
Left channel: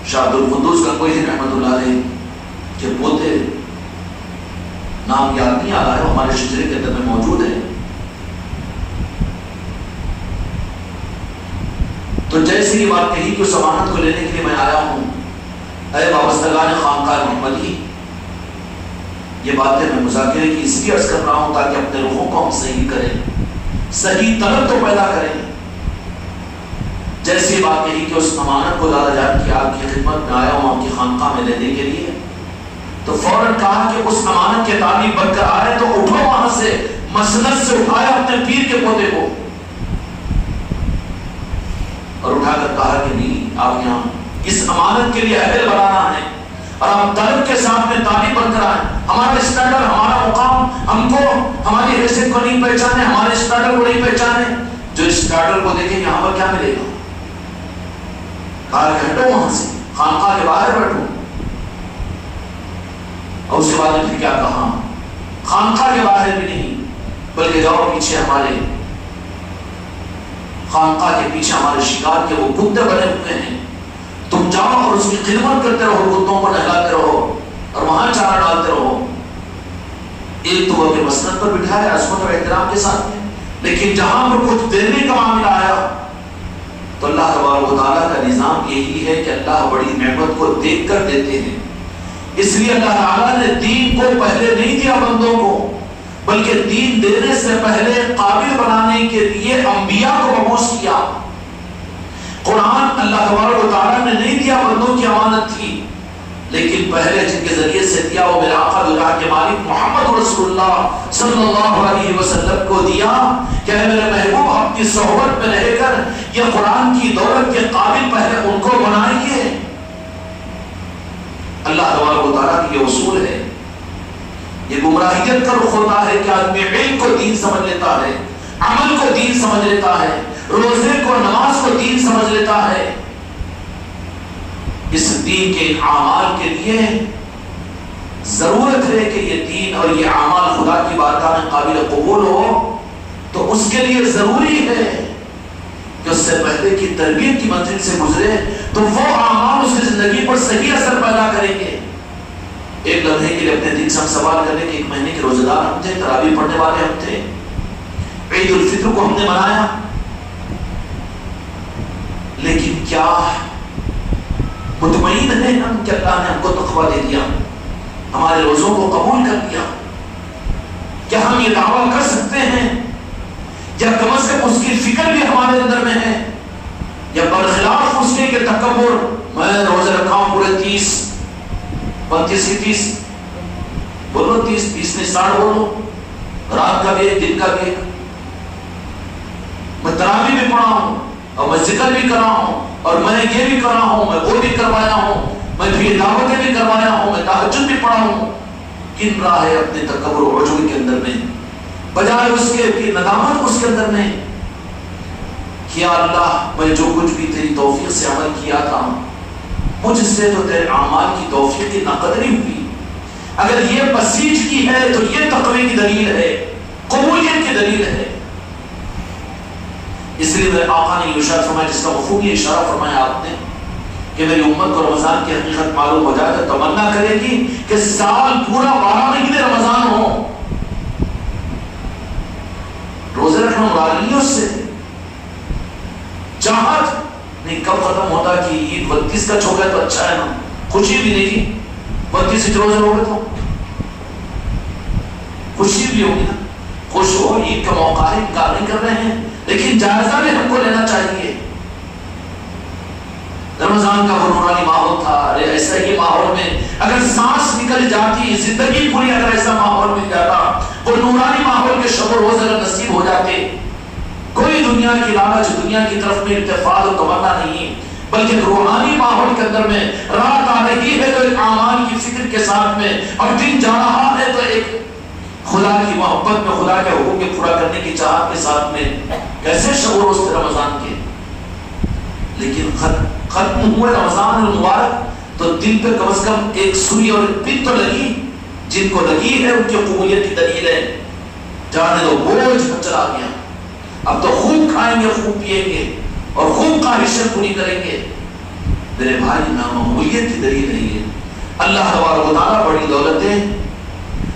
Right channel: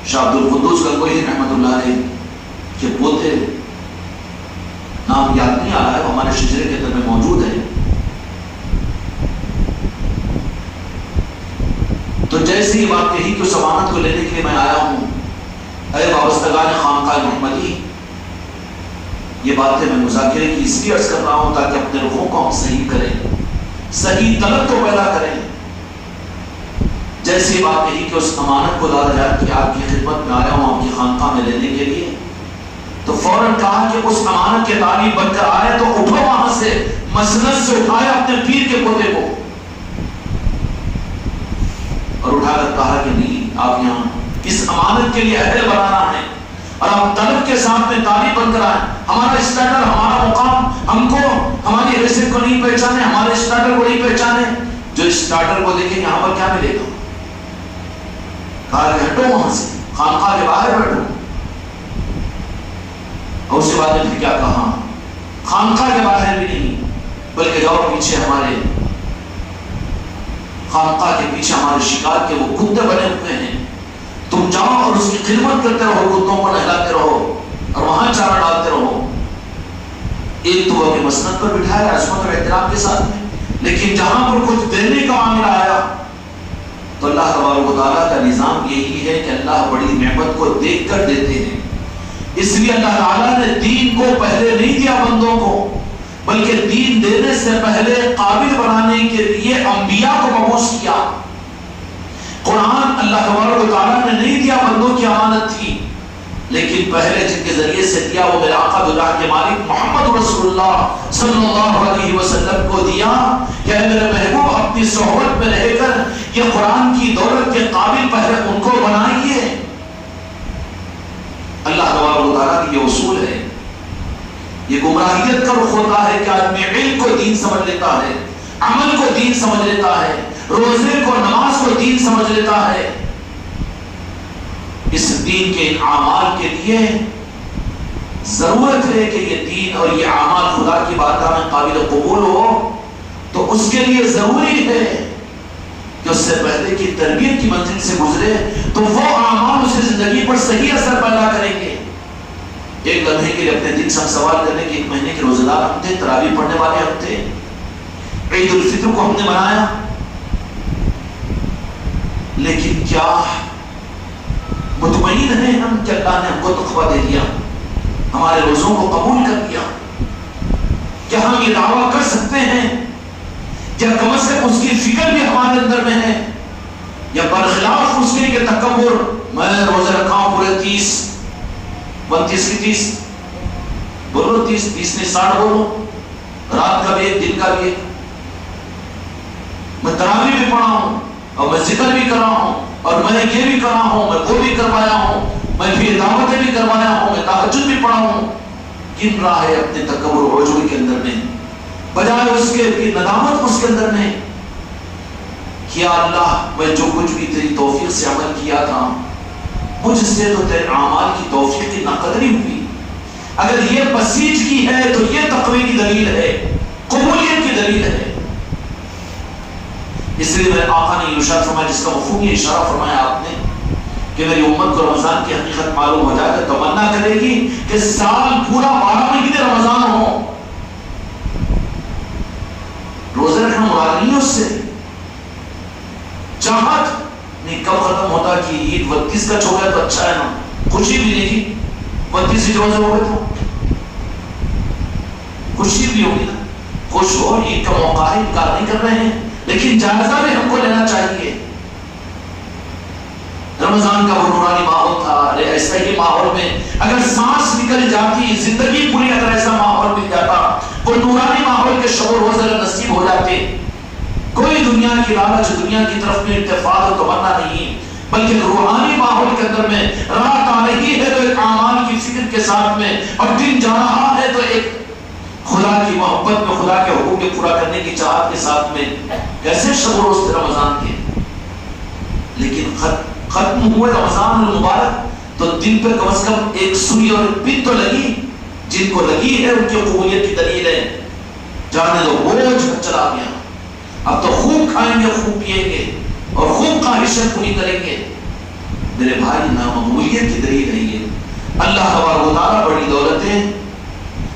شاہ عبد القدوس گنگوہی رحمۃ اللہ علیہ کے پوتے، نام یاد نہیں آ رہا ہے، ہمارے شجرے کے اندر میں موجود ہے. تو جیسے یہ بات کہی کہ اس امانت کو لینے کے لیے میں آیا ہوں، اے وابستگان خانقاہ محمدی، یہ باتیں میں مذاکرے کی اس لیے عرض کر رہا ہوں تاکہ اپنے روحوں کو ہم صحیح کریں، صحیح طلب کو پیدا کریں. جیسے یہ بات کہی کہ اس امانت کو دادا جان کی آپ کی خدمت میں آیا ہوں آپ کی خانقاہ میں لینے کے لیے، تو فوراً کہا کہ اس امانت کے تعلیم بن کر آئے تو اٹھو وہاں سے. مسند سے اٹھایا اپنے پیر کے پودے کو اور اٹھا کر کہا کہ نہیں، آپ یہاں اس امانت کے لیے اہل بنانا ہے اور ہم طلب کے ساتھ میں تعلیم بن کر آئے. ہمارا اسٹینڈرڈ، ہمارا مقام ہم کو ہماری حیثیت کو نہیں پہچانے، ہمارے اسٹینڈرڈ کو نہیں پہچانے. جو اسٹینڈرڈ کو دیکھیں یہاں پر کیا ملے گا؟ کہا کہ ہٹو وہاں سے، خانقاہ کے باہر بیٹھو. اور اس کے بعد نے کیا کہا؟ خانقاہ کے باہر بھی نہیں بلکہ جاؤ پیچھے، ہمارے خانقاہ کے پیچھے ہمارے شکار کے وہ کتے بنے ہوئے ہیں، تم جاؤ اور اس کی خدمت کرتے رہو، کتوں کو نہلاتے رہو اور وہاں چارہ ڈالتے رہو. ایک تو اپنے مسند پر بٹھایا عظمت اور احترام کے ساتھ میں، لیکن جہاں پر کچھ دینے کا معاملہ آیا تو اللہ تبارک و تعالیٰ کا نظام یہی ہے کہ اللہ بڑی نعمت کو دیکھ کر دیتے ہیں. اس لیے اللہ تعالیٰ نے دین کو پہلے نہیں دیا بندوں کو، بلکہ دین دینے سے پہلے قابل بنانے کے لیے انبیاء کو مبعوث کیا. قرآن اللہ تبارک و تعالیٰ نے نہیں دیا، بندوں کی امانت تھی، لیکن پہلے جن کے ذریعے سے دیا وہ میرے آقا دلہ کے مالک محمد رسول اللہ صلی اللہ علیہ وسلم کو دیا کہ میرے محبوب اپنی صحبت میں رہ کر یہ قرآن کی دولت کے قابل پہلے ان کو بنائیے. اللہ تبارک و تعالیٰ کی یہ اصول ہے. یہ گمراہیت کا رخ ہوتا ہے کہ آدمی علم کو دین سمجھ لیتا ہے، عمل کو دین سمجھ لیتا ہے، روزے کو نماز کو دین سمجھ لیتا ہے. اس دین کے اعمال کے لیے ضرورت ہے کہ یہ دین اور یہ اعمال خدا کی بارگاہ میں قابل قبول ہو. تو اس کے لیے ضروری ہے کہ اس سے پہلے کی تربیت کی منزل سے گزرے تو وہ اعمال اس کی زندگی پر صحیح اثر پیدا کریں گے. ایک لمحے کے لیے اپنے دل سے ہم سوال کرنے کہ ایک مہینے کے روزہ دار ہم تھے، تراویح پڑھنے والے ہم تھے، عید الفطر کو ہم نے منایا، لیکن کیا مطمئن ہیں ہم کہ اللہ نے ہم کو تقویٰ دے دیا، ہمارے روزوں کو قبول کر لیا؟ کیا ہم یہ دعویٰ کر سکتے ہیں؟ یا کم از کم اس کی فکر بھی ہمارے اندر میں ہے؟ یا برخلاف اس کے کہ تکبر، میں روزے رکھا ہوں پورے 30 32 کی 30 بولو، 30 نہیں 60 بولو، رات کا بھی ایک دن کا بھی ایک، میں تراویح بھی پڑھا ہوں اور میں ذکر بھی کرا ہوں اور میں یہ بھی کرا ہوں، میں وہ بھی کروایا ہوں، میں بھی دعوتیں بھی کروایا ہوں، میں تہجد بھی پڑھا ہوں۔ کن راہ ہے اپنے تکبر و عجب کے اندر میں، بجائے اس کے کہ ندامت اس کے اندر میں، کیا اللہ میں جو کچھ بھی تیری توفیق سے عمل کیا تھا، مجھ سے تو تیرے اعمال کی توفیق کی ناقدری ہوئی۔ اگر یہ بسیج کی ہے تو یہ تقوی کی دلیل ہے، قبولیت کی دلیل ہے۔ اس لیے میرے آقا نے یہ ارشاد فرمایا، جس کا خوبی اشارہ فرمایا آپ نے، کہ میری امت کو رمضان کی حقیقت معلوم ہو جائے تو تمنا کرے گی کہ سال پورا 12 مہینے رمضان ہو۔ روزے رکھنا مراد نہیں ہے اس سے، چاہت نہیں کب ختم ہوتا کہ عید 32 کا چھو گیا تو اچھا ہے نا، خوشی ملے گی 32 روزے ہو گئے تو خوشی بھی ہوگی نا، خوش ہو، عید کا موقع ہے، انکار نہیں کر رہے ہیں، لیکن جائزہ بھی ہم کو لینا چاہیے۔ رمضان کا وہ نورانی ماحول تھا، ایسے ہی ماحول میں اگر سانس نکل جاتی، زندگی پوری اگر ایسا ماحول مل جاتا، وہ نورانی ماحول کے شب و روز اگر نصیب ہو جاتے، کوئی دنیا کی لالچ، دنیا کی طرف میں ارتفاع و تمنا نہیں، بلکہ روحانی ماحول کے اندر میں رات آ رہی ہے تو ایک اعمال کی فکر کے ساتھ میں، اور دن جا رہا ہے تو ایک خدا کی محبت میں، خدا کے حقوق کے پورا کرنے کی چاہت کے ساتھ میں، کیسے شب و روز تھے رمضان کے۔ لیکن ختم ہوا رمضان المبارک تو دل پہ کم از کم ایک سوئی اور ایک پن تو لگی، جن کو لگی ہے ان کی قبولیت کی دلیل ہے۔ جانے دو بوجھ چلا گیا، اب تو خوب کھائیں گے، خوب پیئیں گے اور خوب خواہشیں پوری کریں گے۔ میرے بھائی، نامعمولیت کی دلیل ہے یہ۔ اللہ تبارک و تعالیٰ بڑی دولتیں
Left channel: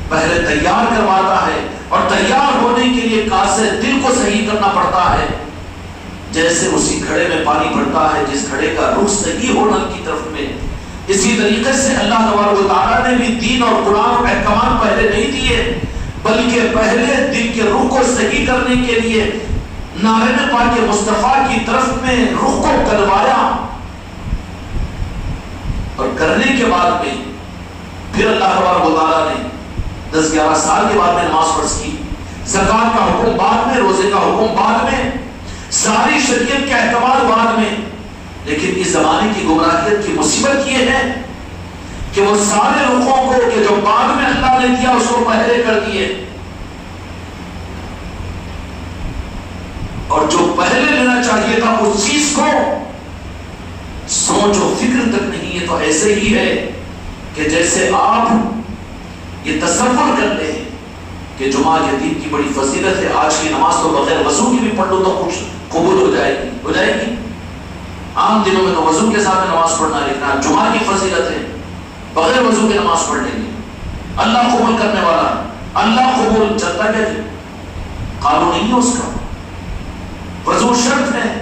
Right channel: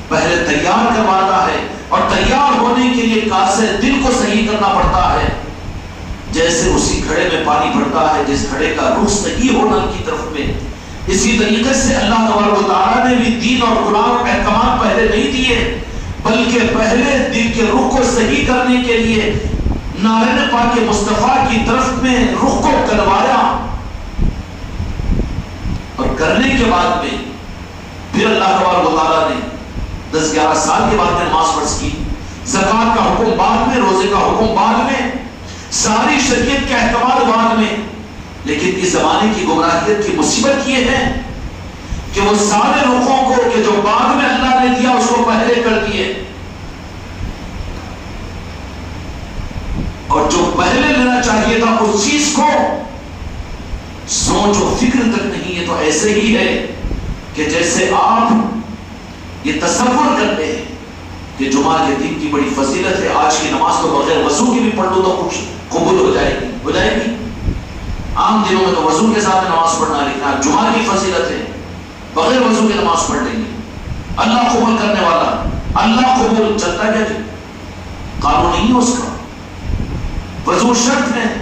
پہلے تیار کرواتا ہے، اور تیار ہونے کے لیے کاسے دل کو صحیح کرنا پڑتا ہے۔ جیسے اسی گھڑے میں پانی پڑتا ہے، جس گھڑے کا رخ صحیح ہونا کی طرف میں، اسی طریقے سے اللہ تبارک و تعالیٰ نے بھی دین اور قرآن احکامات پہلے نہیں دیے، بلکہ پہلے دل کے رخ کو صحیح کرنے کے لیے نارین پاک مصطفیٰ کی طرف میں رخ کو کروایا، اور کرنے کے بعد میں پھر اللہ تبارک و تعالیٰ نے 10-11 سال کے بعد میں نماز فرض کی، زکوٰۃ کا حکم بعد میں، روزے کا حکم بعد میں، ساری شریعت کے احکامات بعد میں۔ لیکن اس زمانے کی گمراہیت کی مصیبت یہ ہے کہ وہ سارے لوگوں کو کہ جو بعد میں اللہ نے دیا اس کو پہلے کر دیے، اور جو پہلے لینا چاہیے تھا اس چیز کو سوچ و فکر تک نہیں ہے۔ تو ایسے ہی ہے کہ جیسے آپ یہ تصور کرتے ہیں کہ جمعہ کے دن کی بڑی فضیلت ہے، آج کی نماز تو بغیر وضو کی بھی پڑھ لو تو خوش قبول ہو جائے گی۔ عام دنوں میں تو وضو کے ساتھ نماز پڑھنا، لکھنا، جمعہ کی فضیلت ہے، بغیر وضو کے نماز پڑھ لیں گے، اللہ قبول کرنے والا، اللہ قبول چلتا کیا جی، قانون نہیں ہے اس کا، وضو شرط ہے۔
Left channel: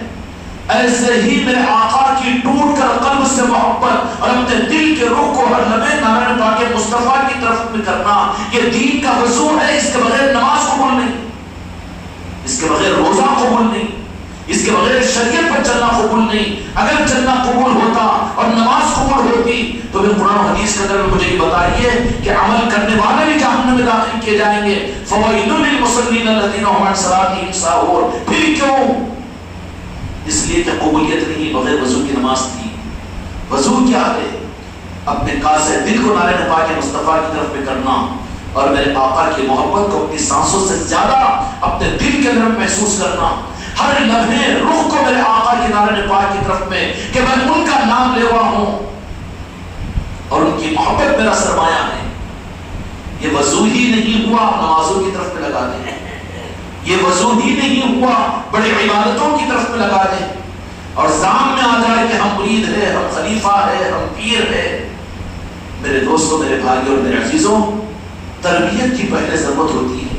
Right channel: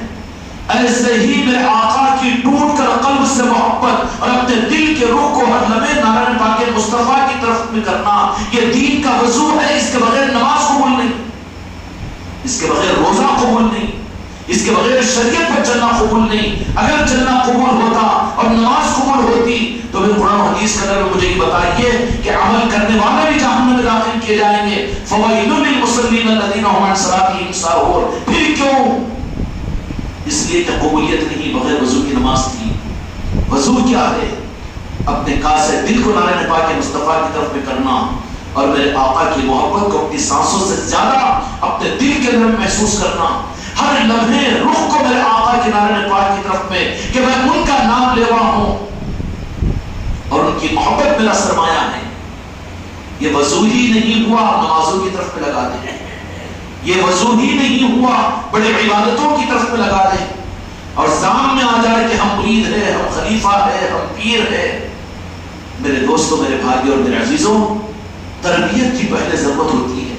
ایسے ہی میرے آقا کی ٹوٹ کر قلب سے محبت اور اپنے دل کے روح کو ہر لمحے نارائن پاک مصطفیٰ کی طرف میں کرنا، یہ دین کا وضو ہے۔ اس کے بغیر نماز قبول نہیں، اس کے بغیر روزہ قبول نہیں، اس کے بغیر شریعت پر چلنا قبول نہیں۔ اگر چلنا قبول ہوتا اور نماز قبول ہوتی تو پھر قرآن حدیث کے اندر مجھے یہ بتائیے کہ عمل کرنے والے بھی جہنم میں داخل کیے جائیں گے۔ فویل للمصلین الذین هم عن صلاتهم ساہون۔ پھر کیوں؟ اس لیے کہ قبولیت نہیں، بغیر وضو کی نماز تھی۔ وضو کیا ہے؟ اپنے کاسے دل کو نارائن پاک مصطفیٰ کی طرف میں کرنا، اور میرے آقا کی محبت کو اپنی سانسوں سے زیادہ اپنے دل کے اندر محسوس کرنا، ہر لمحے روح کو میرے آقا کی نارائن پاک کی طرف میں کہ میں ان کا نام لیوا ہوں اور ان کی محبت میرا سرمایہ ہے۔ یہ وضو ہی نہیں ہوا نمازوں کی طرف میں لگا دیں، یہ وضو ہی نہیں ہوا بڑی عبادتوں کی طرف میں لگا دیں، اور سامنے آ جائے کہ ہم مرید ہے، ہم خلیفہ ہے، ہم پیر ہے۔ میرے دوستوں، میرے بھائیوں اور میرے عزیزوں، تربیت کی پہلے ضرورت ہوتی ہے۔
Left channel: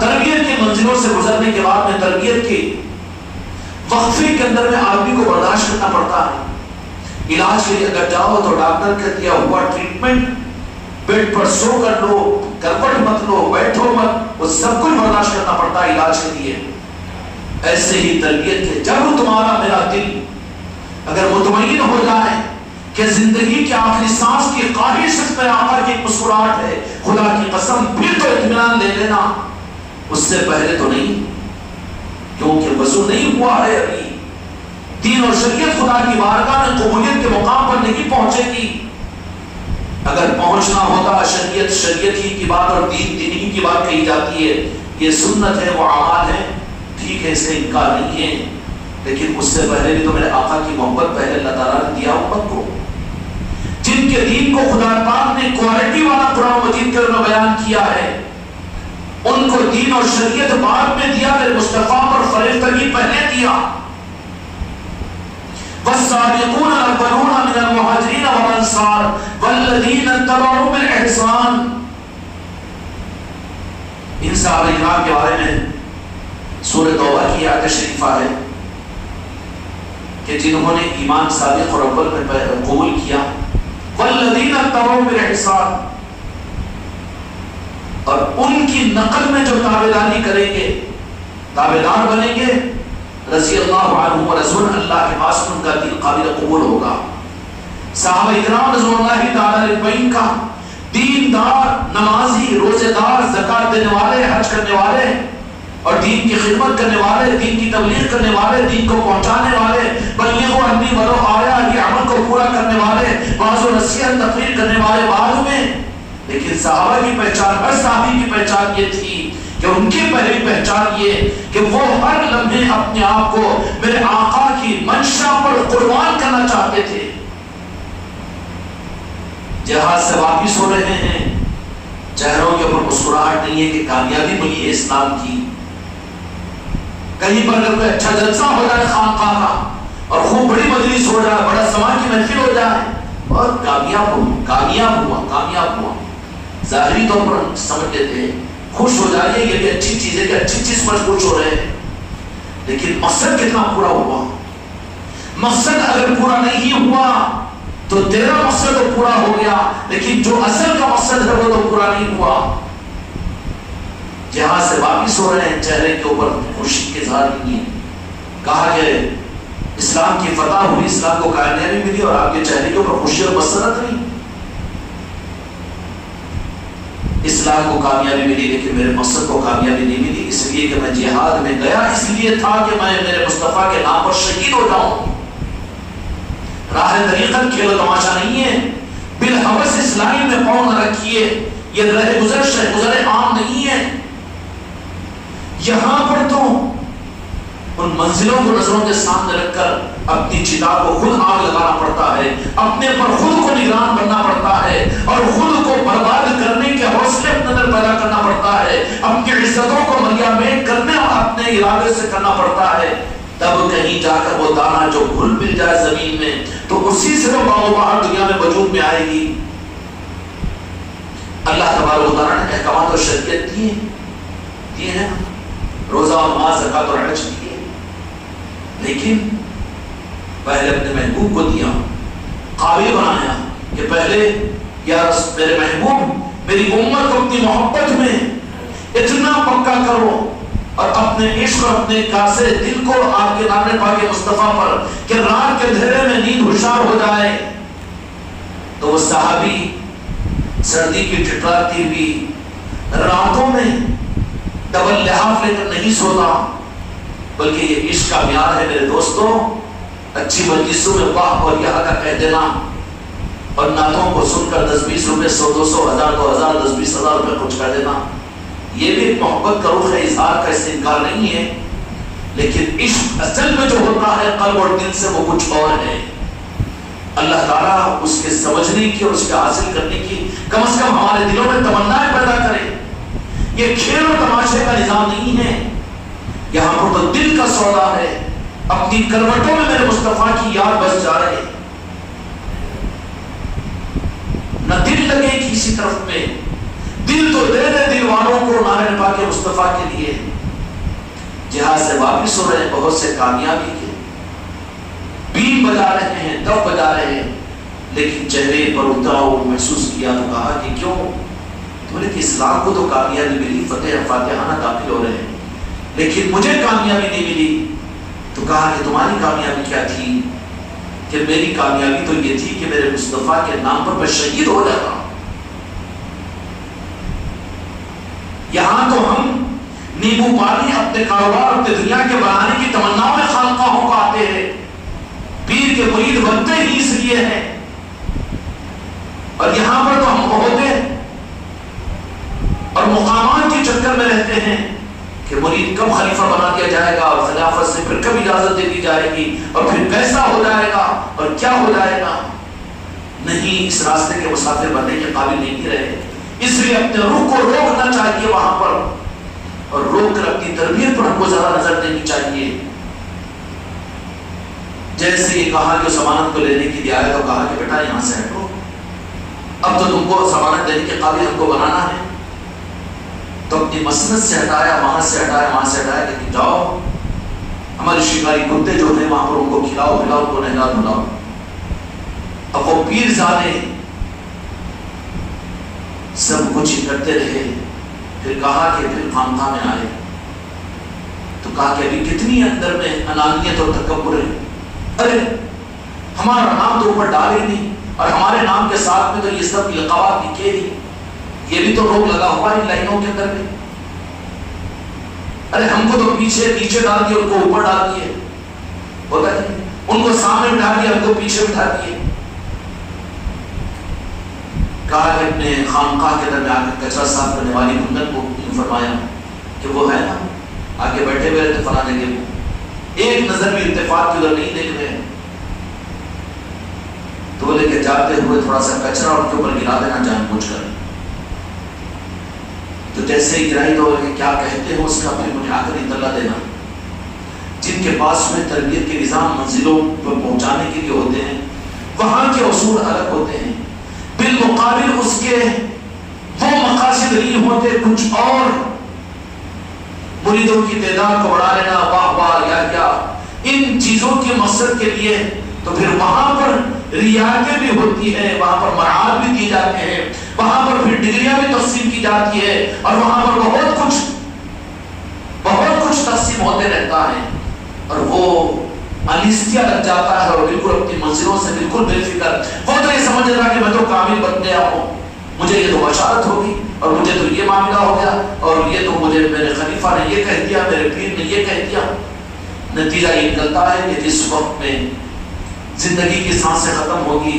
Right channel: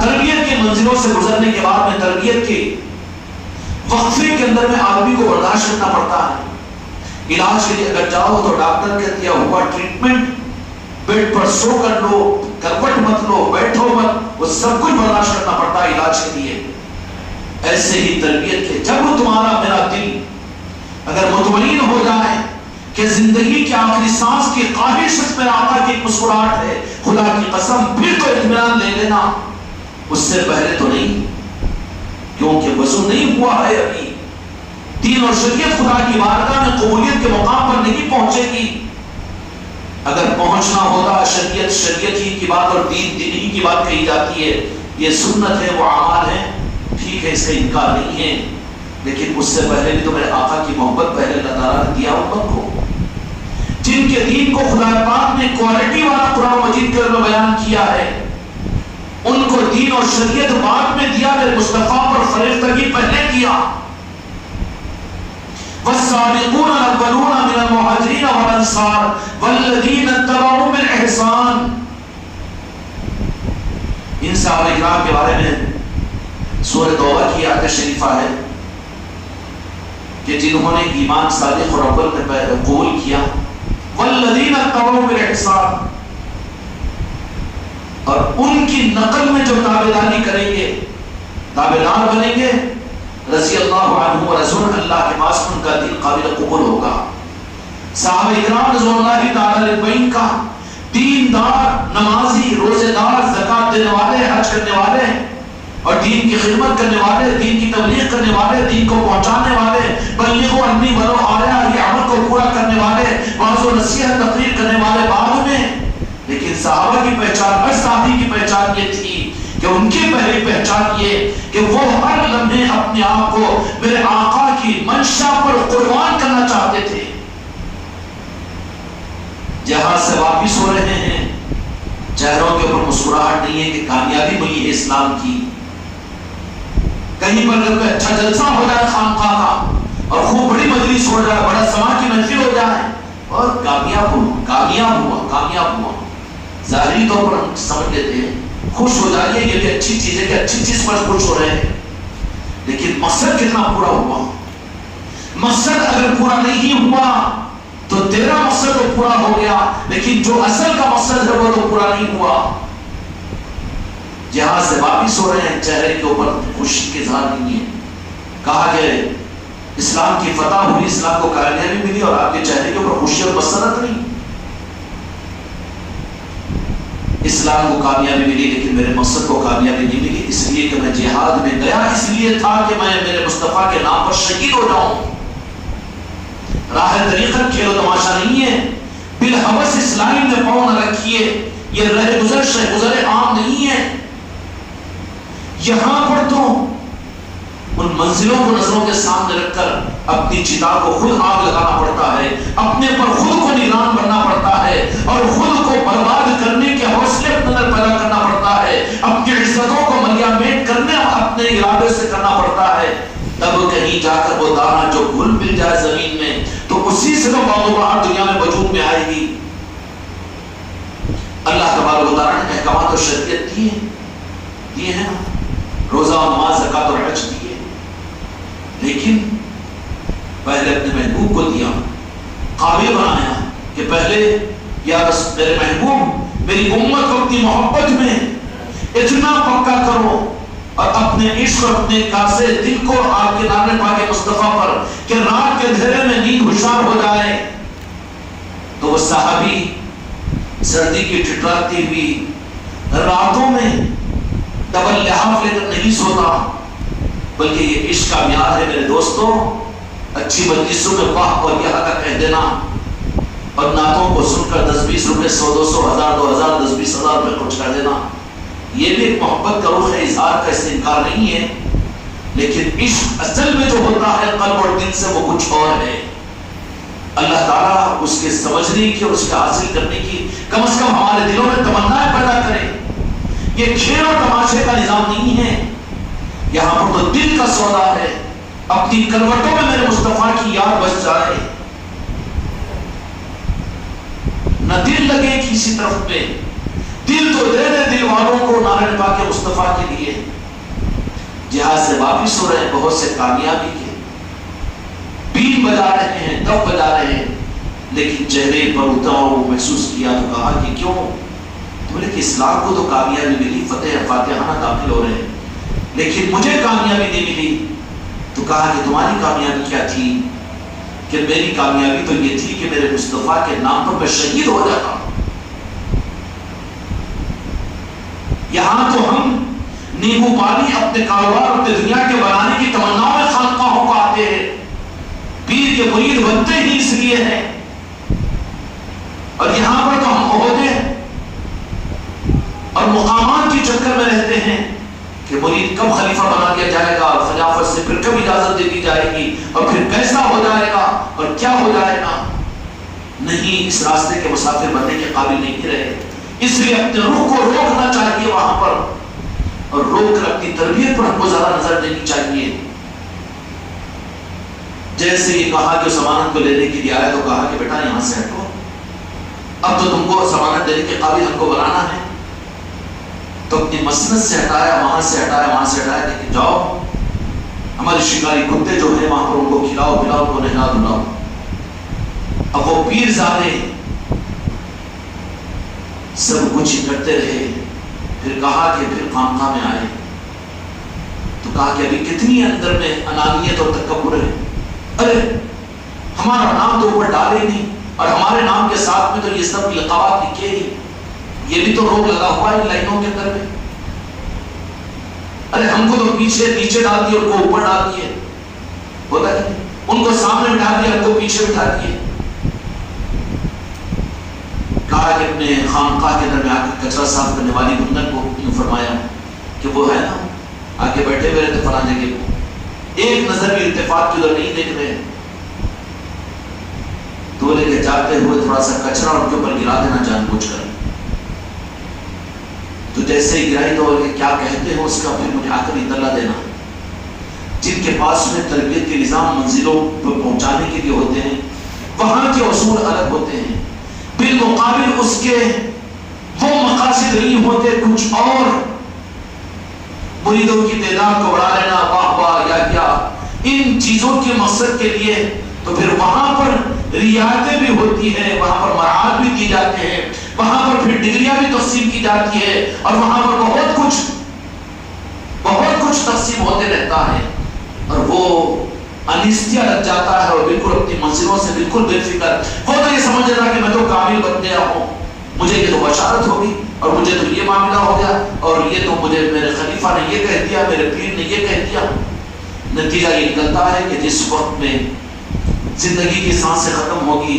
تربیت کی منزلوں سے گزرنے کے بعد میں تربیت کی وقفے کے اندر میں آدمی کو برداشت کرنا پڑتا ہے. علاج کے لیے اگر جاؤ تو ڈاکٹر کا دیا ہوا ٹریٹمنٹ، بیڈ پر سو کر لو، کرپٹ مت لو، بیٹھو مت، وہ سب کچھ برداشت کرنا پڑتا ہے علاج کے لیے. ایسے ہی تربیت ہے. جب تمہارا میرا دل اگر مطمئن ہو جائے کہ زندگی کے آخری سانس کی خواہش اس میں آقا کی مسکراہٹ ہے، خدا کی قسم پھر تو اطمینان لے لینا. اس سے پہلے تو نہیں، کیونکہ وضو نہیں ہوا ہے ابھی. دین اور شریعت خدا کی بارگاہ میں قبولیت کے مقام پر نہیں پہنچے گی. اگر پہنچنا ہوتا شریعت شریعت ہی کی بات اور دین دین ہی کی بات کہی جاتی ہے. یہ سنت ہے، وہ اعمال ہے، ٹھیک ہے، اس کا انکار نہیں ہے، لیکن اس سے پہلے بھی تو میرے آقا کی محبت پہلے اللہ تعالیٰ نے دیا امت کو، جن کے دین کو خدا پاک نے کوالٹی والا قرآن مجید کے اندر بیان کیا ہے. ان کو دین اور شریعت بعد میں دیا، میرے مصطفیٰ پر فریفتگی پہلے دیا. والسابقون الاولون من المہاجرین والانصار والذین اتبعوهم بالاحسان. ان صحابہ کرام کے بارے میں سورۃ توبہ کی آیت شریفہ ہے کہ جنہوں نے ایمان صادق اور اول میں قبول کیا، والذین اتبعوهم بالاحسان، اور ان کی نقل میں جو تابعداری کریں گے، تابعدار بنیں گے، رضی اللہ عنہ و رسول اللہ کے پاس ان کا دین قابل قبول ہوگا. صحابہ اکرام رضوان اللہ تعالی علیہم کا دیندار، نمازی، روزے دار، زکات دینے والے، حج کرنے والے اور دین کی خدمت کرنے والے، دین کی تبلیغ کرنے والے، دین کو پہنچانے والے، بلغوا عنی ولو آیا، یہ عمل کو پورا کرنے والے، واعظ و نصیحت تقریر کرنے والے بعد میں. لیکن صحابہ کی پہچان، ہر صحابی کی پہچان یہ تھی کہ ان کی پہلی پہچان یہ کہ وہ ہر لمحے اپنے آپ کو میرے آقا کی منشا پر قربان کرنا چاہتے تھے. جہاز سے واپس ہو رہے ہیں، چہروں کے اوپر مسکراہٹ نہیں ہے کہ کامیابی ملی ہے اسلام کی. کہیں پر اگر کوئی اچھا جلسہ ہو جائے خانقاہ کا اور خوب بڑی مجلس ہو جائے، بڑا سما کی محفل ہو جائے اور کامیاب ہوا، ظاہری طور پر سمجھ لیتے ہیں، خوش ہو جائیے، یہ بھی اچھی چیز ہے کہ اچھی چیز پر خوش ہو رہے ہیں، لیکن مقصد کتنا پورا ہوا؟ مقصد اگر پورا نہیں ہوا تو تیرا مقصد تو پورا ہو گیا، لیکن جو اصل کا مقصد ہے وہ تو پورا نہیں ہوا. جہاں سے واپس ہو رہے ہیں، چہرے کے اوپر خوشی کے اظہار نہیں ہے. کہا کہ اسلام کی فتح ہوئی، اسلام کو کامیابی ملی اور آپ کے چہرے کے اوپر خوشی اور مسرت نہیں. اسلام کو کامیابی ملی لیکن میرے مقصد کو کامیابی نہیں ملی، اس لیے کہ میں جہاد میں گیا اس لیے تھا کہ میں میرے مصطفیٰ کے نام پر شہید ہو جاؤں. راہ طریقت کھیل و تماشا نہیں ہے. بالحوث اسلام میں پاؤں نہ رکھیے، یہ رہ گزر عام نہیں ہے. یہاں پر تو ان منزلوں کو نظروں کے سامنے رکھ کر اپنی چتا کو خود آگ لگانا پڑتا ہے، اپنے پر خود کو نگران بننا پڑتا ہے اور خود کو برباد کرنے کے حوصلے اپنے اندر پیدا کرنا پڑتا ہے، اپنی عزتوں کو ملیامین کرنے اور اپنے ارادے سے کرنا پڑتا ہے. تب کہیں جا کر وہ دانا جو گھل مل جائے زمین میں تو اسی سے وہ باہر دنیا میں وجود میں آئے گی. اللہ تبارک و تعالیٰ نے احکامات اور شریعت دیے ہیں، روزہ اور نماز، زکات اور حج دیے، لیکن پہلے اپنے محبوب کو دیا، قابل بنایا کہ پہلے یا میرے محبوب میری امت کو اپنی محبت میں اتنا پکا کرو اور اپنے عشق اور اپنے کاسے دل کو آپ کے نام پاک مصطفیٰ پر کہ رات کے اندھیرے میں نیند ہوشیار ہو جائے. تو وہ صحابی سردی کی ٹھٹراتی ہوئی راتوں میں ڈبل لحاف لے کر نہیں سوتا، بلکہ یہ عشق کا معیار ہے میرے دوستوں. اچھی مجلسوں میں واہ اور یہاں کا کہہ دینا اور نعتوں کو سن کر 10-20 روپے 100-200 1000 2000 10-20 ہزار روپے خرچ کر دینا، یہ بھی محبت کا روح ہے، اظہار کا اس سے انکار نہیں ہے، لیکن عشق اصل میں جو ہوتا ہے قلب اور دل سے وہ کچھ اور ہے. اللہ تعالیٰ اس کے سمجھنے کی اور اس کے حاصل کرنے کی کم از کم ہمارے دلوں میں تمنائیں پیدا کرے. یہ کھیل اور تماشے کا نظام نہیں ہے، یہاں پر تو دل کا سودا ہے. اپنی کروٹوں میں میرے مصطفیٰ کی یاد بس جائے، نہ دل لگے کسی طرف پہ، دل تو دے دے دل والوں کو نام پاک مصطفیٰ کے لیے. جہاز سے واپس ہو رہے ہیں، بہت سے کامیابی کے بین بجا رہے ہیں، دف بجا رہے ہیں، لیکن چہرے پر اتراؤ محسوس کیا تو کہا کہ کیوں؟ تو بولے کہ اسلام کو تو کامیابی ملی، فتح فاتحانہ داخل ہو رہے ہیں، لیکن مجھے کامیابی نہیں ملی۔ تو کہا کہ تمہاری کامیابی کیا تھی؟ کہ میری کامیابی تو یہ تھی کہ میرے مصطفیٰ کے نام پر میں شہید ہو جاتا ہوں۔ یہاں تو ہم نیبو پانی اپنے کاروبار اپنے دنیا کے بنانے کی تمناؤں میں خانقاہوں کو آتے ہیں، پیر کے مرید بنتے ہی اس لیے ہیں، اور یہاں پر تو ہم عہدے اور مقامات کے چکر میں رہتے ہیں کہ مرید کب خلیفہ بنا دیا جائے گا، اور خلافت سے پھر کب اجازت دے دی جائے گی، اور پھر کیسا ہو جائے گا اور کیا ہو جائے گا۔ نہیں، اس راستے کے مسافر بننے کے قابل نہیں رہے، اس لیے اپنے روح کو روکنا چاہیے وہاں پر، اور روک کر اپنی تربیت پر ہم کو زیادہ نظر دینی چاہیے۔ جیسے یہ کہا کہ ضمانت کو لینے کے لیے آیا تو کہا کہ بیٹا یہاں سے ہٹو، اب تو تم کو ضمانت دینے کے قابل ہم کو بنانا ہے، تو اپنی مسند سے ہٹایا، وہاں سے ہٹایا، وہاں سے ہٹایا، لیکن جاؤ ہمارے شکاری کتے جو ہیں وہاں پر ان کو کھلاؤ پلاؤ، ان کو نہلا دھلاؤ۔ اب وہ پیر زادے سب کچھ کرتے رہے، پھر کہا کہ پھر خانقاہ میں آئے تو کہا کہ ابھی کتنی اندر میں انانیت اور تکبر ہے، ارے ہمارا نام تو اوپر ڈالے نہیں، اور ہمارے نام کے ساتھ میں تو یہ سب لقبات لکھے نہیں، یہ بھی تو روک لگا ہوا ہے لائنوں کے اندر میں، ارے ہم کو تو پیچھے نیچے ڈال دیے، ان کو اوپر ڈال دیے، ہوتا نہیں، ان کو سامنے بٹھا دیا، ان کو پیچھے بٹھا دیے۔ کہا کہ اپنے خانقاہ کے اندر میں آ کے کچرا صاف کرنے والی بندر کو فرمایا کہ وہ ہے نا آگے بیٹھے ہوئے رہتے فلاں جگہ کو، ایک نظر بھی التفات کی ادھر نہیں دیکھ رہے ہیں، تو بولے کہ جاتے ہوئے تھوڑا سا کچرا ان کے اوپر گرا دینا جان بوجھ کر، تو جیسے ہی گرائی تو بولے کہ کیا کہتے ہو اس کا پھر مجھے آ کر اطلاع دینا۔ جن کے پاس میں تربیت کے نظام منزلوں پر پہنچانے کے لیے ہوتے ہیں وہاں کے اصول الگ ہوتے ہیں، بالمقابل اس کے وہ مقاصد نہیں ہوتے کچھ اور، مریدوں کی تعداد کو بڑھا لینا، واہ واہ یا کیا، ان چیزوں کے مقصد کے لیے تو پھر وہاں پر رعایتیں بھی ہوتی ہے، وہاں پر مراحل بھی دی جاتے ہیں، وہاں پر پھر ڈگریاں بھی تقسیم کی جاتی ہے، اور وہاں پر بہت کچھ تقسیم ہوتے رہتا ہے، اور وہ انیستیا لگ جاتا ہے، اور بالکل اپنی منزلوں سے بالکل بے فکر، وہ تو یہ سمجھ رہا کہ میں تو کامل بن گیا ہوں، مجھے یہ تو بشارت ہوگی، اور مجھے تو یہ معاملہ ہو گیا، اور یہ تو مجھے میرے خلیفہ نے یہ کہہ دیا، میرے پیر نے یہ کہہ دیا۔ نتیجہ یہ نکلتا ہے کہ جس وقت میں زندگی کی سانسیں ختم ہوگی،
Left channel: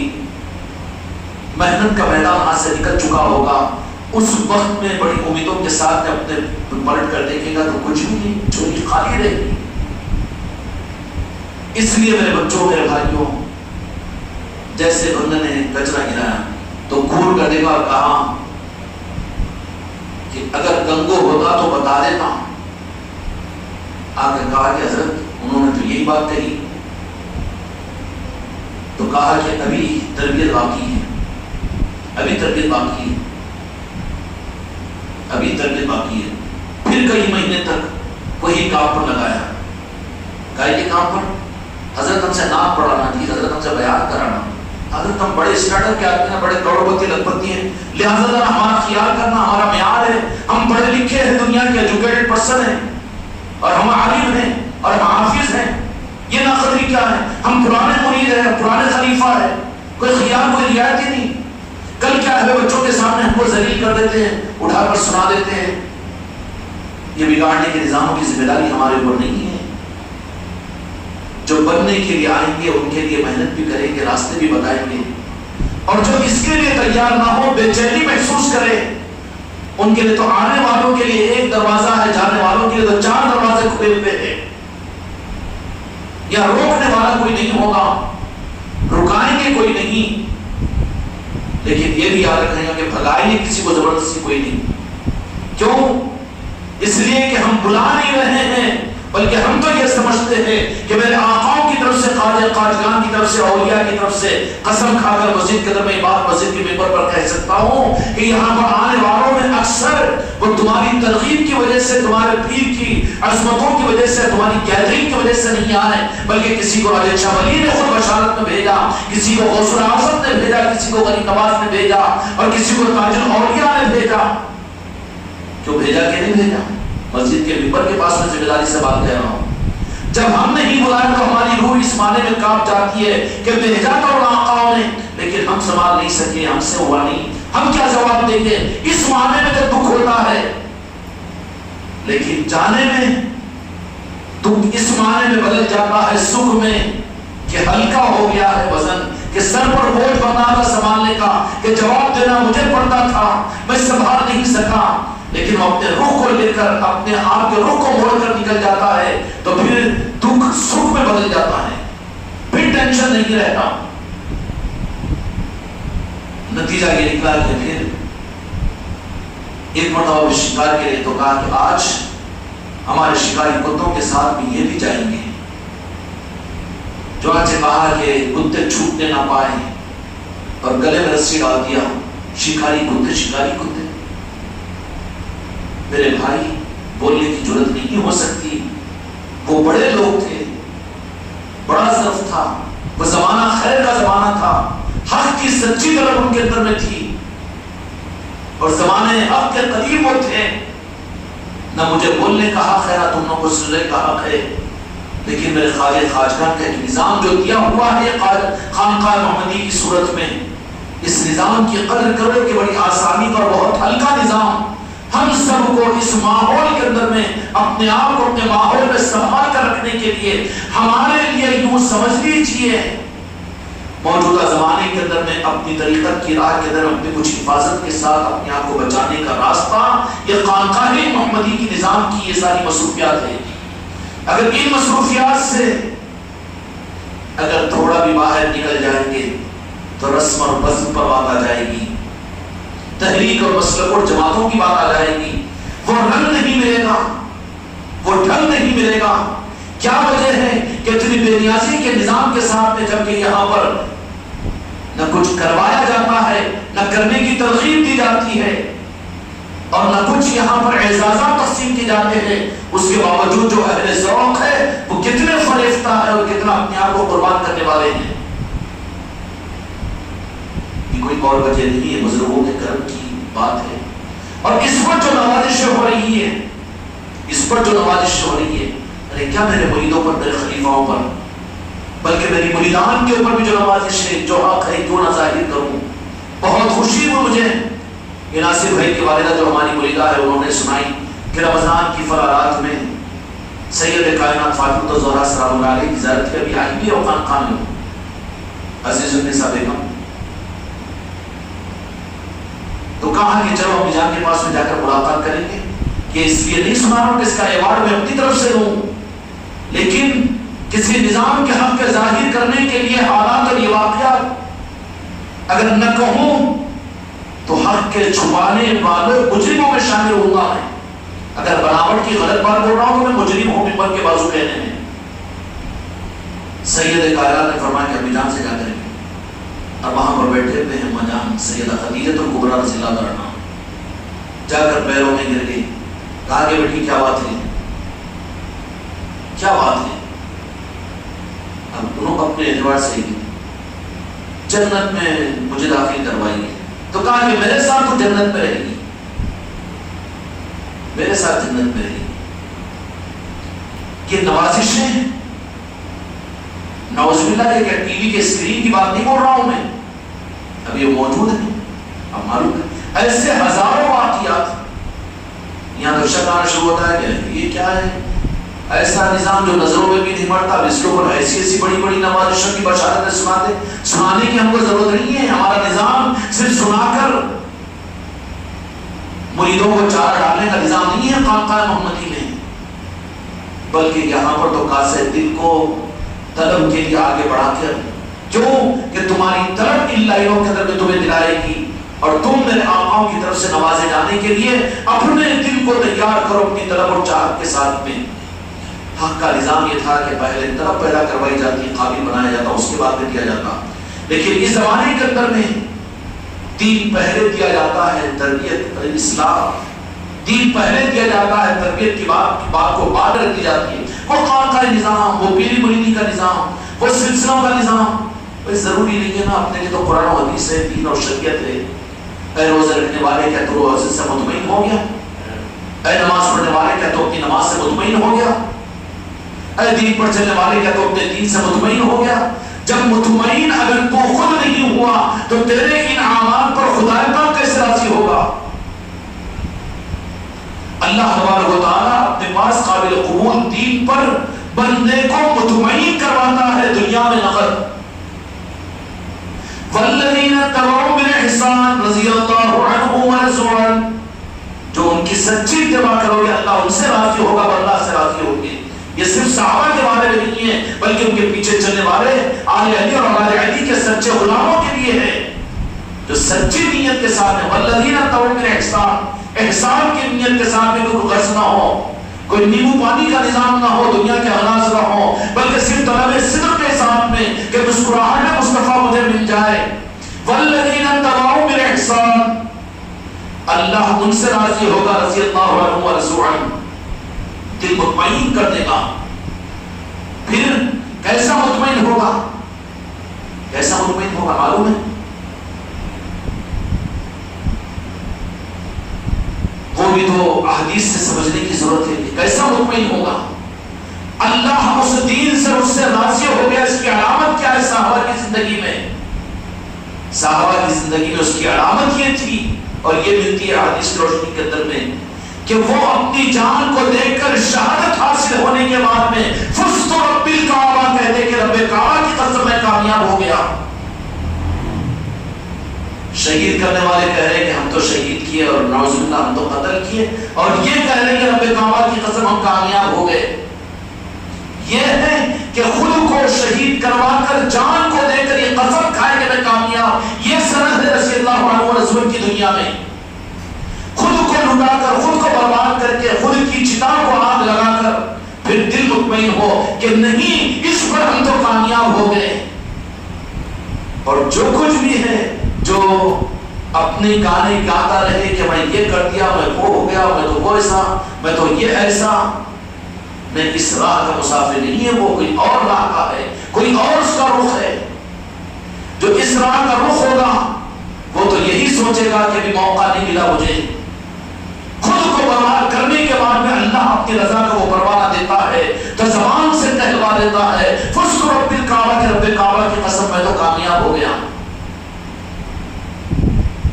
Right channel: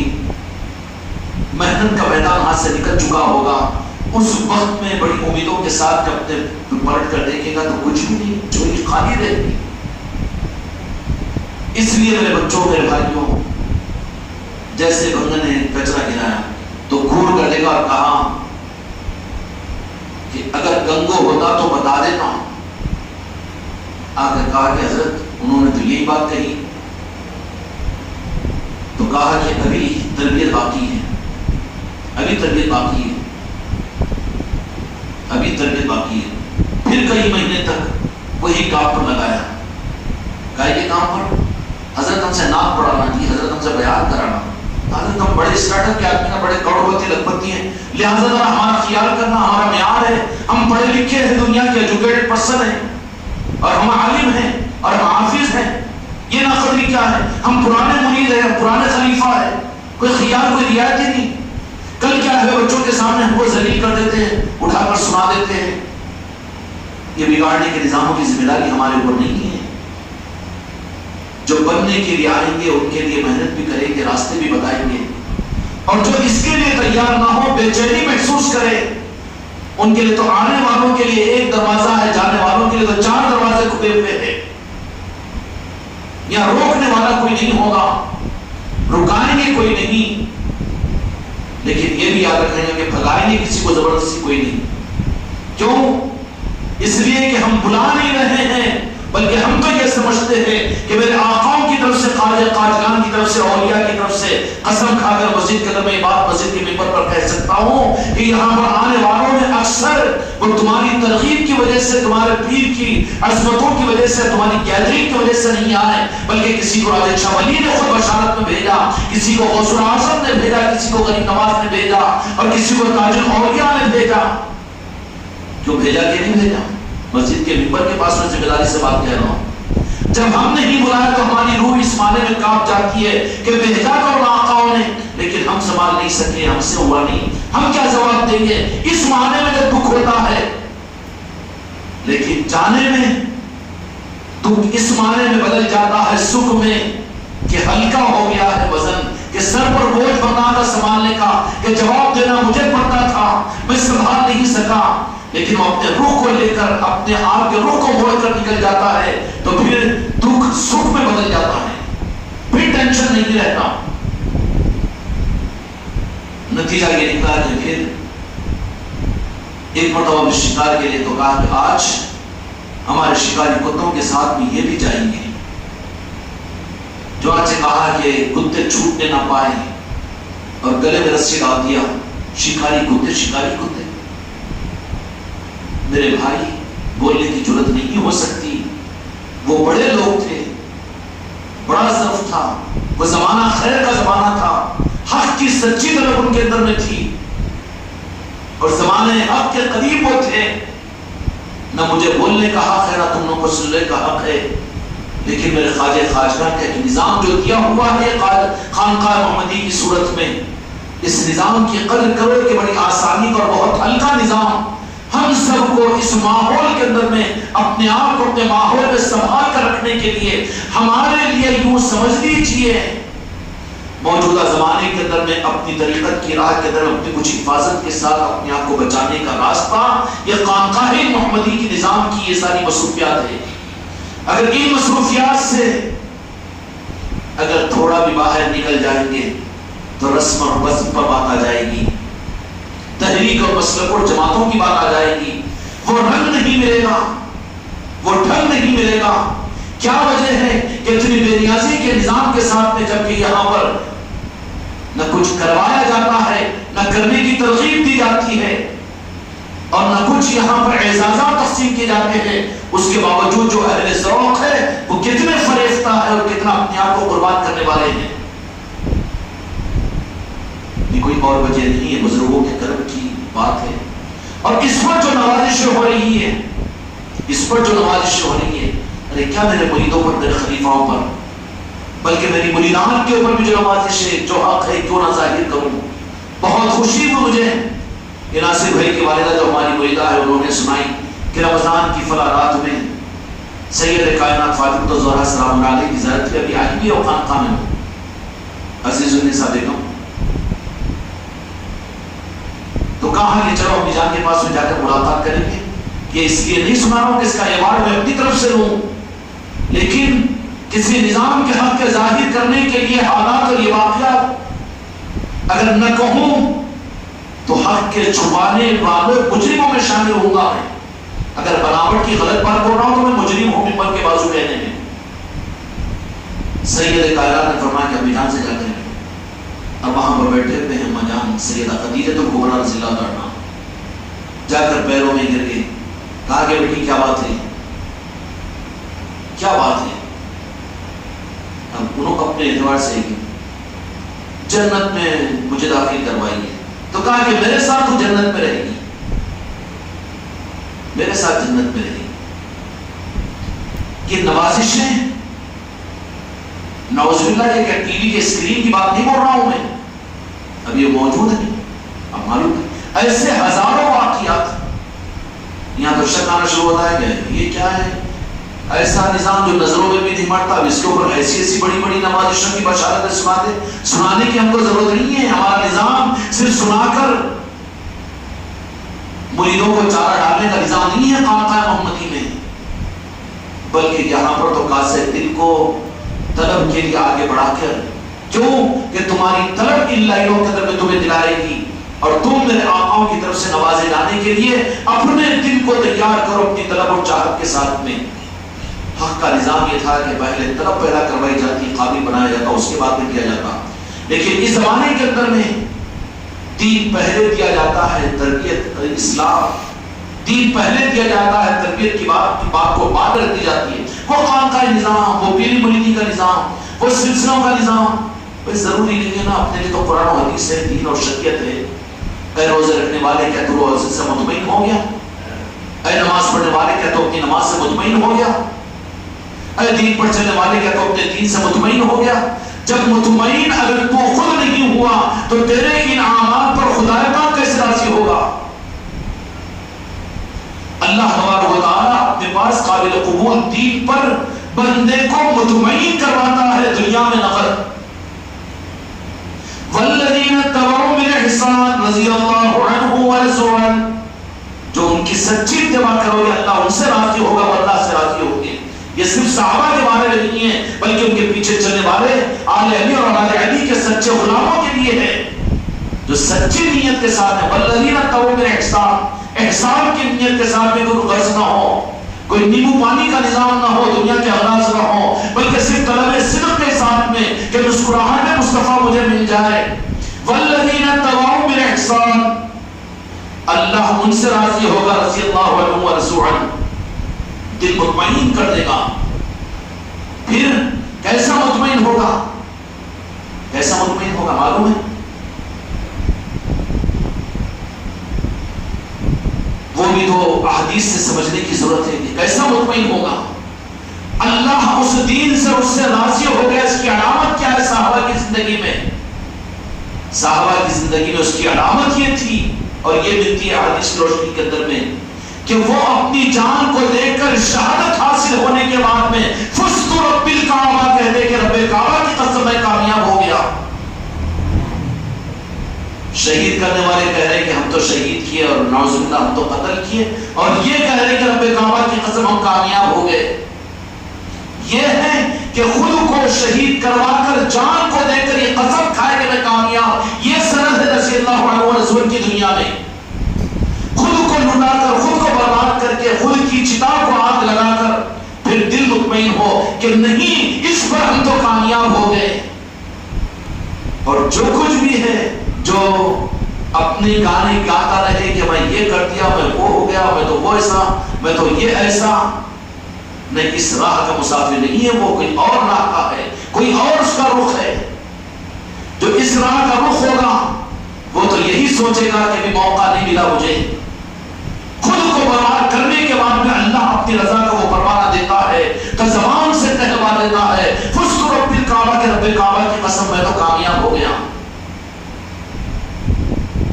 محنت کا میدان ہاتھ سے نکل چکا ہوگا، اس وقت میں بڑی امیدوں کے ساتھ اپنے پلٹ کر دیکھے گا تو کچھ بھی نہیں، جھولی خالی رہے گی۔ اس لیے میرے بچوں میرے بھائیوں، جیسے بندے نے کچرا گرایا تو گھور کر دے گا اور کہا کہ اگر گنگو ہوتا تو بتا دیتا، آ کر کہا کہ حضرت انہوں نے تو یہی بات کہی، تو کہا کہ ابھی تربیت باقی ہے، ابھی تربیت باقی ہے، ابھی تربیت باقی ہے۔ پھر کئی مہینے تک وہی کام پر لگایا، کہا یہ کام پر حضرت ہم سے نام پڑھانا تھی، حضرت ہم سے بیان کرانا، حضرت ہم بڑے اسٹارٹر کے آدمی ہیں، بڑے کروڑپتی لکھپتی ہیں، لہٰذا ہمارا خیال کرنا ہمارا معیار ہے، ہم پڑھے لکھے ہیں، دنیا کے ایجوکیٹڈ پرسن ہیں، اور ہم عالم ہیں اور ہم حافظ ہیں، یہ ناقدری کیا ہے، ہم پرانے مرید ہیں، پرانے خلیفہ ہیں، کوئی خیال کوئی رعایت ہی نہیں۔ کل کیا ہے بچوں کے سامنے ہم کو ذلیل کر دیتے ہیں، اٹھا کر سنا دیتے ہیں۔ یہ بگاڑنے کے نظاموں کی ذمہ داری ہمارے اوپر نہیں ہے، جو بننے کے لیے آئیں گے ان کے لیے محنت بھی کریں گے، راستے بھی بتائیں گے، اور جو اس کے لیے تیار نہ ہو، بے چینی محسوس کرے، ان کے لیے تو آنے والوں کے لیے ایک دروازہ ہے، جانے والوں کے لیے تو 4 دروازے کھلے ہوئے ہیں۔ یا روکنے والا کوئی نہیں ہوگا، رکائیں گے کوئی نہیں، لیکن یہ بھی یاد رکھیں گے کہ بھگائیں گے کسی کو زبردستی کوئی نہیں۔ کیوں؟ اس لیے کہ ہم بلا نہیں رہے ہیں، بلکہ ہم تو یہ سمجھتے ہیں کہ میرے آقاؤں کی طرف سے خواجہ خواجگان کی طرف سے، اولیاء کی طرف سے قسم کھا کر مسجد کے اندر میں بات مسجد کے ممبر پر کہہ سکتا ہوں کہ یہاں پر آنے والوں میں اکثر وہ تمہاری ترغیب کی وجہ سے، تمہارے پیر کی عظمتوں کی وجہ سے، تمہاری گیدرنگ کی وجہ سے نہیں آئے، بلکہ کسی کو راجہ شاہ ولی نے خود بشارت میں بھیجا، کسی کو غوث الاعظم نے بھیجا، کسی کو غریب نواز نے بھیجا، اور کسی کو تاج الاولیاء نے بھیجا۔ کیوں بھیجا کہ نہیں بھیجا؟ مسجد کے ممبر کے پاس میں ذمہ داری سے بات کہہ رہا ہوں۔ جب ہم نہیں بلایا تو ہماری روح اس معنی میں کانپ جاتی ہے کہ بھیجا تو آقاؤں نے، لیکن ہم سنبھال نہیں سکے، ہم سے ہوا نہیں، ہم کیا جواب دیں گے؟ اس معنی میں جب دکھ ہوتا ہے، لیکن جانے میں دکھ اس معنی میں بدل جاتا ہے سکھ میں کہ ہلکا ہو گیا ہے وزن، کہ سر پر بوجھ بنا تھا سنبھالنے کا، کہ جواب دینا مجھے پڑتا تھا، میں سنبھال نہیں سکا، لیکن وہ اپنے روح کو لے کر، اپنے آپ کے روح کو موڑ کر نکل جاتا ہے تو پھر دکھ سکھ میں بدل جاتا ہے، پھر ٹینشن نہیں رہتا۔ نتیجہ یہ نکلا کہ پھر ایک مرتبہ شکار کے لیے تو کہا کہ آج ہمارے شکاری کتوں کے ساتھ بھی یہ بھی جائیں گے۔ چنانچہ کہا کہ کتے چھوٹنے نہ پائیں اور گلے میں رسی ڈال دیا، شکاری کتے۔ میرے بھائی بولنے کی جرات نہیں ہو سکتی، وہ بڑے لوگ تھے، بڑا ظرف تھا، وہ زمانہ خیر کا زمانہ تھا، حق کی سچی طرف ان کے اندر میں تھی، اور زمانے حق کے قریب وہ تھے۔ نہ مجھے بولنے کا حق ہے، نہ تم لوگوں کو سننے کا حق ہے، لیکن میرے خواجہ خواجگان کا نظام جو دیا ہوا ہے خانقاہ محمدی کی صورت میں، اس نظام کی قدر کرو کہ بڑی آسانی کا اور بہت ہلکا نظام، ہم سب کو اس ماحول کے اندر میں اپنے آپ کو اپنے ماحول میں سنبھال کر رکھنے کے لیے ہمارے لیے یوں سمجھ لیجیے موجودہ زمانے کے اندر میں اپنی طریقت کی راہ کے اندر اپنی کچھ حفاظت کے ساتھ اپنے آپ کو بچانے کا راستہ یہ خانقاہ محمدی کی نظام کی یہ ساری مصروفیات ہے۔ اگر ان مصروفیات سے اگر تھوڑا بھی باہر نکل جائیں گے تو رسم اور بزم پر بات آ جائے گی، تحریک اور مسلک اور جماعتوں کی بات آ جائے گی، وہ رنگ نہیں ملے گا، وہ ڈھنگ نہیں ملے گا۔ کیا وجہ ہے کہ اتنی بے نیازی کے نظام کے ساتھ میں جبکہ یہاں پر نہ کچھ کروایا جاتا ہے، نہ کرنے کی ترغیب دی جاتی ہے، اور نہ کچھ یہاں پر اعزازات تقسیم کیے جاتے ہیں، اس کے باوجود جو اہل ذوق ہے وہ کتنے فریفتہ ہے اور کتنا اپنے آپ کو قربان کرنے والے ہیں۔ یہ کوئی اور وجہ نہیں ہے، بزرگوں کے کرم کی بات ہے۔ اور اس پر جو نوازشیں ہو رہی ہے، اس پر جو نوازشیں ہو رہی ہے، ارے کیا میرے مریدوں پر، میرے خلیفاؤں پر، بلکہ میری مریدان کے اوپر بھی جو نوازش ہے، جو حق ہے کیوں نہ ظاہر کروں۔ بہت خوشی ہوئی مجھے کہ ناصر بھائی کی والدہ جو ہماری مریدہ ہے انہوں نے سنائی کہ رمضان کی فلاں رات میں سید کائنات فاطمہ الزہرا سلام اللہ علیہ کی زیارت کے ابھی آئی بھی اور خانقاہ میں ہوں۔ عزیز النساء بیگم تو کہا کہ چلو امی جان کے پاس میں جا کر ملاقات کریں گے، کہ اس لیے نہیں سنا رہا ہوں کہ اس کا ایوارڈ میں اپنی طرف سے لوں، لیکن کسی نظام کے حق کے ظاہر کرنے کے لیے حالات اور یہ واقعات اگر نہ کہوں تو حق کے چھپانے والے مجرموں میں شامل ہوں گا میں۔ اگر بناوٹ کی غلط بات بول رہا ہوں تو میں مجرم ہوں ممبر کے بازو کہنے میں۔ سید کائنات نے فرمایا کہ امی جان سے جا کریں گے، اور وہاں پر بیٹھے ہوئے ہیں اما جان سیدہ خدیجہ الکبریٰ رضی اللہ عنہا، جا کر پیروں میں گر گئی، کہا کہ بیٹی کیا بات ہے، کیا بات ہے؟ اب انہوں اپنے اعتبار سے ہی جنت میں مجھے داخل کروائیے، تو کہا کہ میرے ساتھ تو جنت میں رہے گی، میرے ساتھ جنت میں رہے گی۔ یہ نوازشیں نعوذ باللہ کہ ٹی وی کے اسکرین کی بات نہیں بول رہا ہوں میں، اب یہ موجود ہے، اب معلوم ہے ایسے ہزاروں واقعات۔ یہاں تو شک آنا شروع ہوتا ہے کہ یہ کیا ہے، ایسا نظام جو نظروں میں بھی نہیں پڑتا، اس کے اوپر ایسی ایسی بڑی بڑی نوازشوں کی بشارتیں سنانے کی ہم کو ضرورت نہیں ہے۔ ہمارا نظام صرف سنا کر مریدوں کو چارہ ڈالنے کا نظام نہیں ہے خانقاہ محمدی میں، بلکہ یہاں پر تو کاسے دل کو طلب کے لیے آگے بڑھا کر، کیوں کہ تمہاری طلب ان لائنوں کے اندر میں تمہیں دلائے گی، اور تم میرے آقاؤں کی طرف سے نوازے جانے کے لیے اپنے دل کو تیار کرو اپنی طلب اور چاہت کے ساتھ میں۔ حق کا نظام یہ تھا کہ پہلے طلب پیدا کروائی جاتی، قابل بنایا جاتا، اس کے بعد میں دیا جاتا. لیکن اس زمانے کے اندر میں دین پہلے دیا جاتا ہے، تربیت اسلام دین پہلے دیا جاتا ہے، تربیت کی بات کو بعد رکھ دی جاتی ہے. وہ خانقاہ نظام، وہ پیری مریدی کا نظام، وہ سلسلوں کا نظام، ضروری نہیں ہے نا. اپنے لیے تو قرآن و حدیث ہے، دین اور شریعت ہے. اے روزے رکھنے والے کیا تو روزے سے مطمئن ہو گیا؟ اے نماز پڑھنے والے کیا تو اپنی نماز سے مطمئن ہو گیا؟ اے دین پر چلنے والے کیا تو اپنے دین سے مطمئن ہو گیا؟ جب مطمئن اگر تو خود نہیں ہوا تو تیرے ان اعمال پر خدا پاک کیسے راضی ہوگا؟ اللہ تبارک و تعالیٰ اپنے پاس قابل قبول دین پر بندے کو مطمئن کرواتا ہے دنیا میں نقد. والذین تبعوا بالاحسان رضی اللہ عنہم ورضوا عنہ، جو ان کی سچی اتباع کرو گے اللہ ان سے راضی ہوگا اور اللہ سے راضی ہوگے. یہ صرف صحابہ کے بارے میں نہیں ہے بلکہ ان کے پیچھے چلنے والے آل علی اور آل علی کے سچے غلاموں کے لیے ہے جو سچی نیت کے ساتھ ہے. والذین تبعوا بالاحسان، احسان کی نیت کے ساتھ میں کوئی غرض نہ ہو، کوئی نیمبو پانی کا نظام نہ ہو، دنیا کے غراض نہ ہو، بلکہ صرف طلب صدق کے ساتھ میں کہ مسکراہٹ مصطفیٰ مجھے مل جائے. والذین تبعوا بالاحسان، اللہ ان سے راضی ہوگا رضی اللہ عنہ ورضوا عنہ، دل مطمئن کر دے گا. پھر کیسا مطمئن ہوگا؟ کیسا مطمئن ہوگا معلوم ہے؟ وہ بھی تو احادیث سے سمجھنے کی ضرورت ہے کہ کیسا مطمئن ہوگا. اللہ اس دین سے اس سے راضی ہو گیا. اس کی علامت کیا ہے صحابہ کی زندگی میں؟ صحابہ کی زندگی میں اس کی علامت یہ تھی اور یہ ملتی ہے حدیث کی روشنی کے اندر میں کہ وہ اپنی جان کو دے کر شہادت حاصل ہونے کے بعد میں فزت رب الکعبہ کہتے کہ رب کعبہ کی قسم میں کامیاب ہو گیا. شہید کرنے والے کہہ رہے کہ ہم تو شہید کیے اور نعوذ باللہ ہم تو قتل کیے، اور یہ کہہ رہے کہ رب کعبہ کی قسم ہم کامیاب ہو گئے. یہ ہے کہ خود کو شہید کروا کر جان کو دے کر یہ قسم کھائے کہ میں کامیاب. یہ سند ہے رضی اللہ عنہ رسول کی دنیا میں. خود کو لٹا کر، خود کو برباد کر کے، خود کی چتا کو آگ لگا کر پھر دل مطمئن ہو کہ نہیں اس پر ہم تو کامیاب ہو گئے. اور جو کچھ بھی ہے جو اپنے گانے گاتا رہے کہ میں یہ کر دیا، میں وہ ہو گیا، میں تو وہ ایسا، میں تو یہ ایسا، نہیں، اس راہ کا مسافر نہیں ہے. وہ کوئی اور راہ کا ہے، کوئی اور اس کا رخ ہے. جو اس راہ کا رخ ہوگا وہ تو یہی سوچے گا کہ بھی موقع نہیں ملا مجھے. خود کو برباد کرنے کے بعد میں اللہ اپنی رضا کا وہ پروانہ دیتا ہے تو زبان سے کہلوا دیتا ہے فزت رب الکعبہ کے رب کعبہ کی قسم میں تو کامیاب ہو گیا.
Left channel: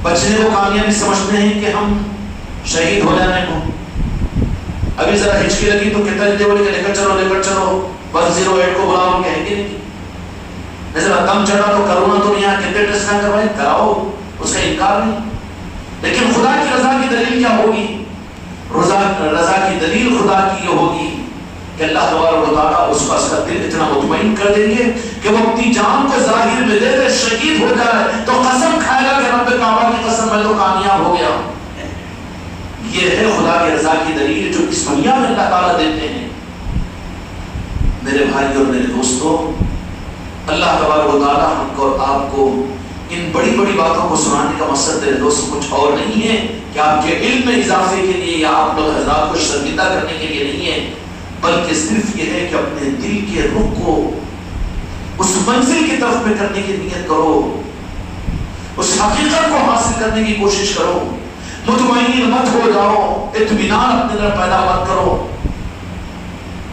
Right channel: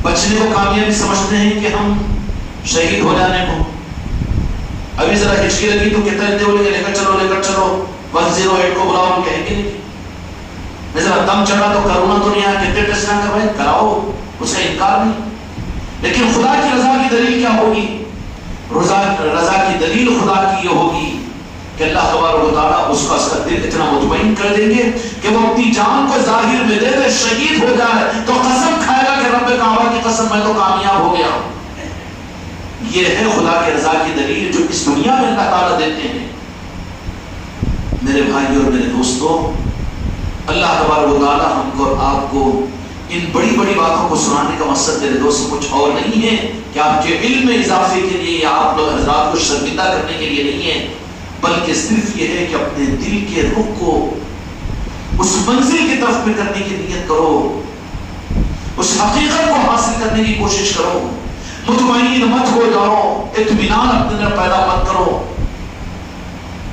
بچنے کو کامیابی سمجھتے ہیں کہ ہم شہید ہو جانے کو. ابھی ذرا ہچکی لگی تو کہتا ہے بولے کہ لے کر چلو 108 کو بلاؤ، کہیں گے نہیں. ذرا دم چڑھا تو کرونا تو نہیں آ کے ٹیسٹ نہ کروائے، کراؤ، اس کا انکار نہیں. لیکن خدا کی رضا کی دلیل کیا ہوگی؟ رضا کی دلیل خدا کی یہ ہوگی کہ اللہ تبارک و تعالیٰ اس کا دل اتنا مطمئن کر دیں گے کہ وہ اپنی جان کو ظاہر میں دے دے، شہید ہو جائے تو قسم کھائے گا کہ رب کعبہ کی قسم میں تو کامیاب ہو گیا. یہ ہے خدا کی رضا کی دلیل جو اس دنیا میں اللہ تعالیٰ دیتے ہیں. میرے بھائی اور میرے دوستوں، اللہ تبارک و تعالیٰ ہم کو اور آپ کو ان بڑی بڑی باتوں کو سنانے کا مقصد میرے دوستوں کچھ اور نہیں ہے کہ آپ کے علم میں اضافے کے لیے یا آپ لوگ حضرات کو شرمندہ کرنے کے لیے نہیں ہے، بلکہ صرف یہ ہے کہ اپنے دل کے رخ کو اس منزل کی طرف میں کرنے کی نیت کرو، اس حقیقت کو حاصل کرنے کی کوشش کرو. مطمئن مت ہو جاؤ، اطمینان اپنے اندر پیدا مت کرو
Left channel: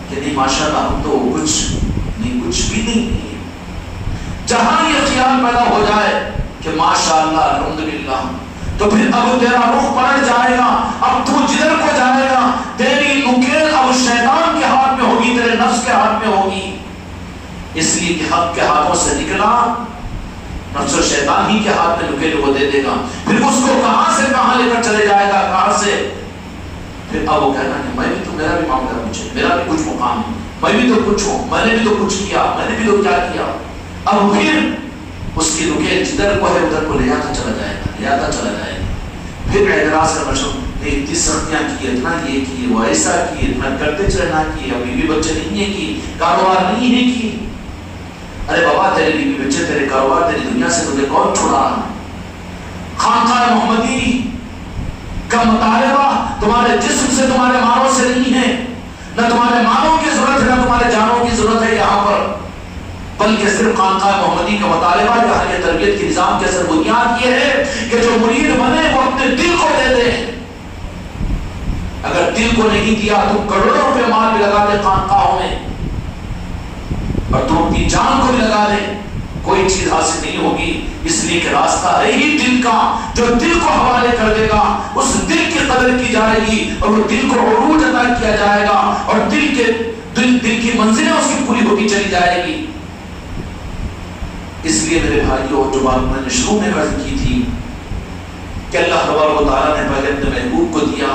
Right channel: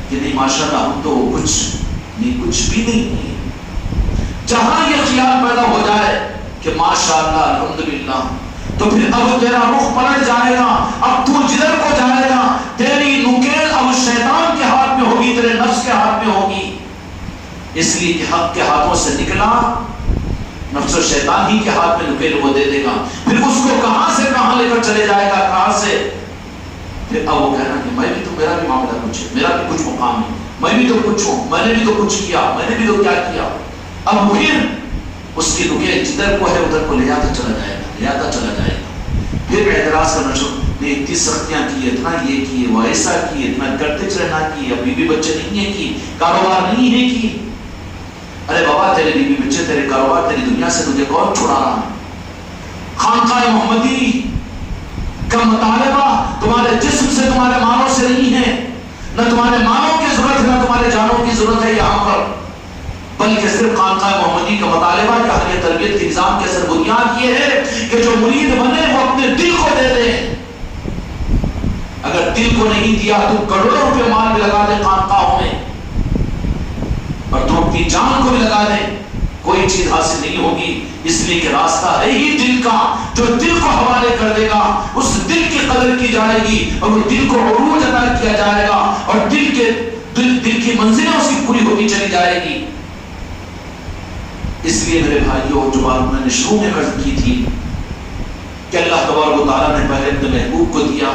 کہ نہیں ماشاءاللہ ہم تو کچھ بھی نہیں ہے. جہاں یہ خیال پیدا ہو جائے کہ ماشاءاللہ الحمدللہ، تو پھر اب تیرا رخ پلٹ جائے گا. اب تو جدھر کو جائے گا تیری نکیل اب شیطان کے ہاتھ میں ہوگی، تیرے نفس کے ہاتھ میں ہوگی. اس لیے کہ حق کے ہاتھوں سے نکلا نفس و شیطان ہی کے ہاتھ میں نکیل وہ دے دے گا. پھر اس کو کہاں سے کہاں لے کر چلے جائے گا، کہاں سے. پھر اب وہ کہنا کہ میں بھی تو، میرا بھی معاملہ کچھ ہے، میرا بھی کچھ مقام ہے، میں بھی تو کچھ ہوں، میں نے بھی تو کچھ کیا، میں نے بھی تو کیا کیا. اب پھر اس کی نکیل جدھر کو ہے ادھر کو لے آتا چلا جائے گا. پھر اعتراض کرنا شروع نے اتنی سختیاں کی، اتنا یہ کی، وہ ایسا کی، اتنا کرتے رہنا کی، اب بیوی بچے نہیں ہیں کی، کاروبار نہیں ہے کی. ارے بابا تیرے بیوی بچے، تیرے کاروبار، تیری دنیا سے تجھے کون چھڑا رہا ہے؟ خانقاہ محمدی کا مطالبہ تمہارے جسم سے، تمہارے مالوں سے نہیں ہے. نہ تمہارے مالوں کی ضرورت ہے، نہ تمہارے جانوں کی ضرورت ہے یہاں پر، بلکہ صرف خانقاہ محمدی کا مطالبہ جہاں کے تربیت کے نظام کے اثر بنیاد یہ ہے کہ جو مرید بنے وہ اپنے دل کو دے دے. اگر دل کو نہیں دیا تو کروڑوں روپے مال بھی لگا دے خانقاہوں میں اور تو اپنی جان کو بھی لگا دے، کوئی چیز حاصل نہیں ہوگی. اس لیے کہ راستہ ہے ہی دل کا. جو دل کو حوالے کر دے گا اس دل کی قدر کی جائے گی اور وہ دل کو عروج عطا کیا جائے گا اور دل کی منزلیں اس کی پوری ہوتی چلی جائے گی. اس لیے میرے بھائیوں، جو بات میں نے شروع میں عرض کی تھی کہ اللہ تبارک و تعالیٰ نے پہلے اپنے محبوب کو دیا،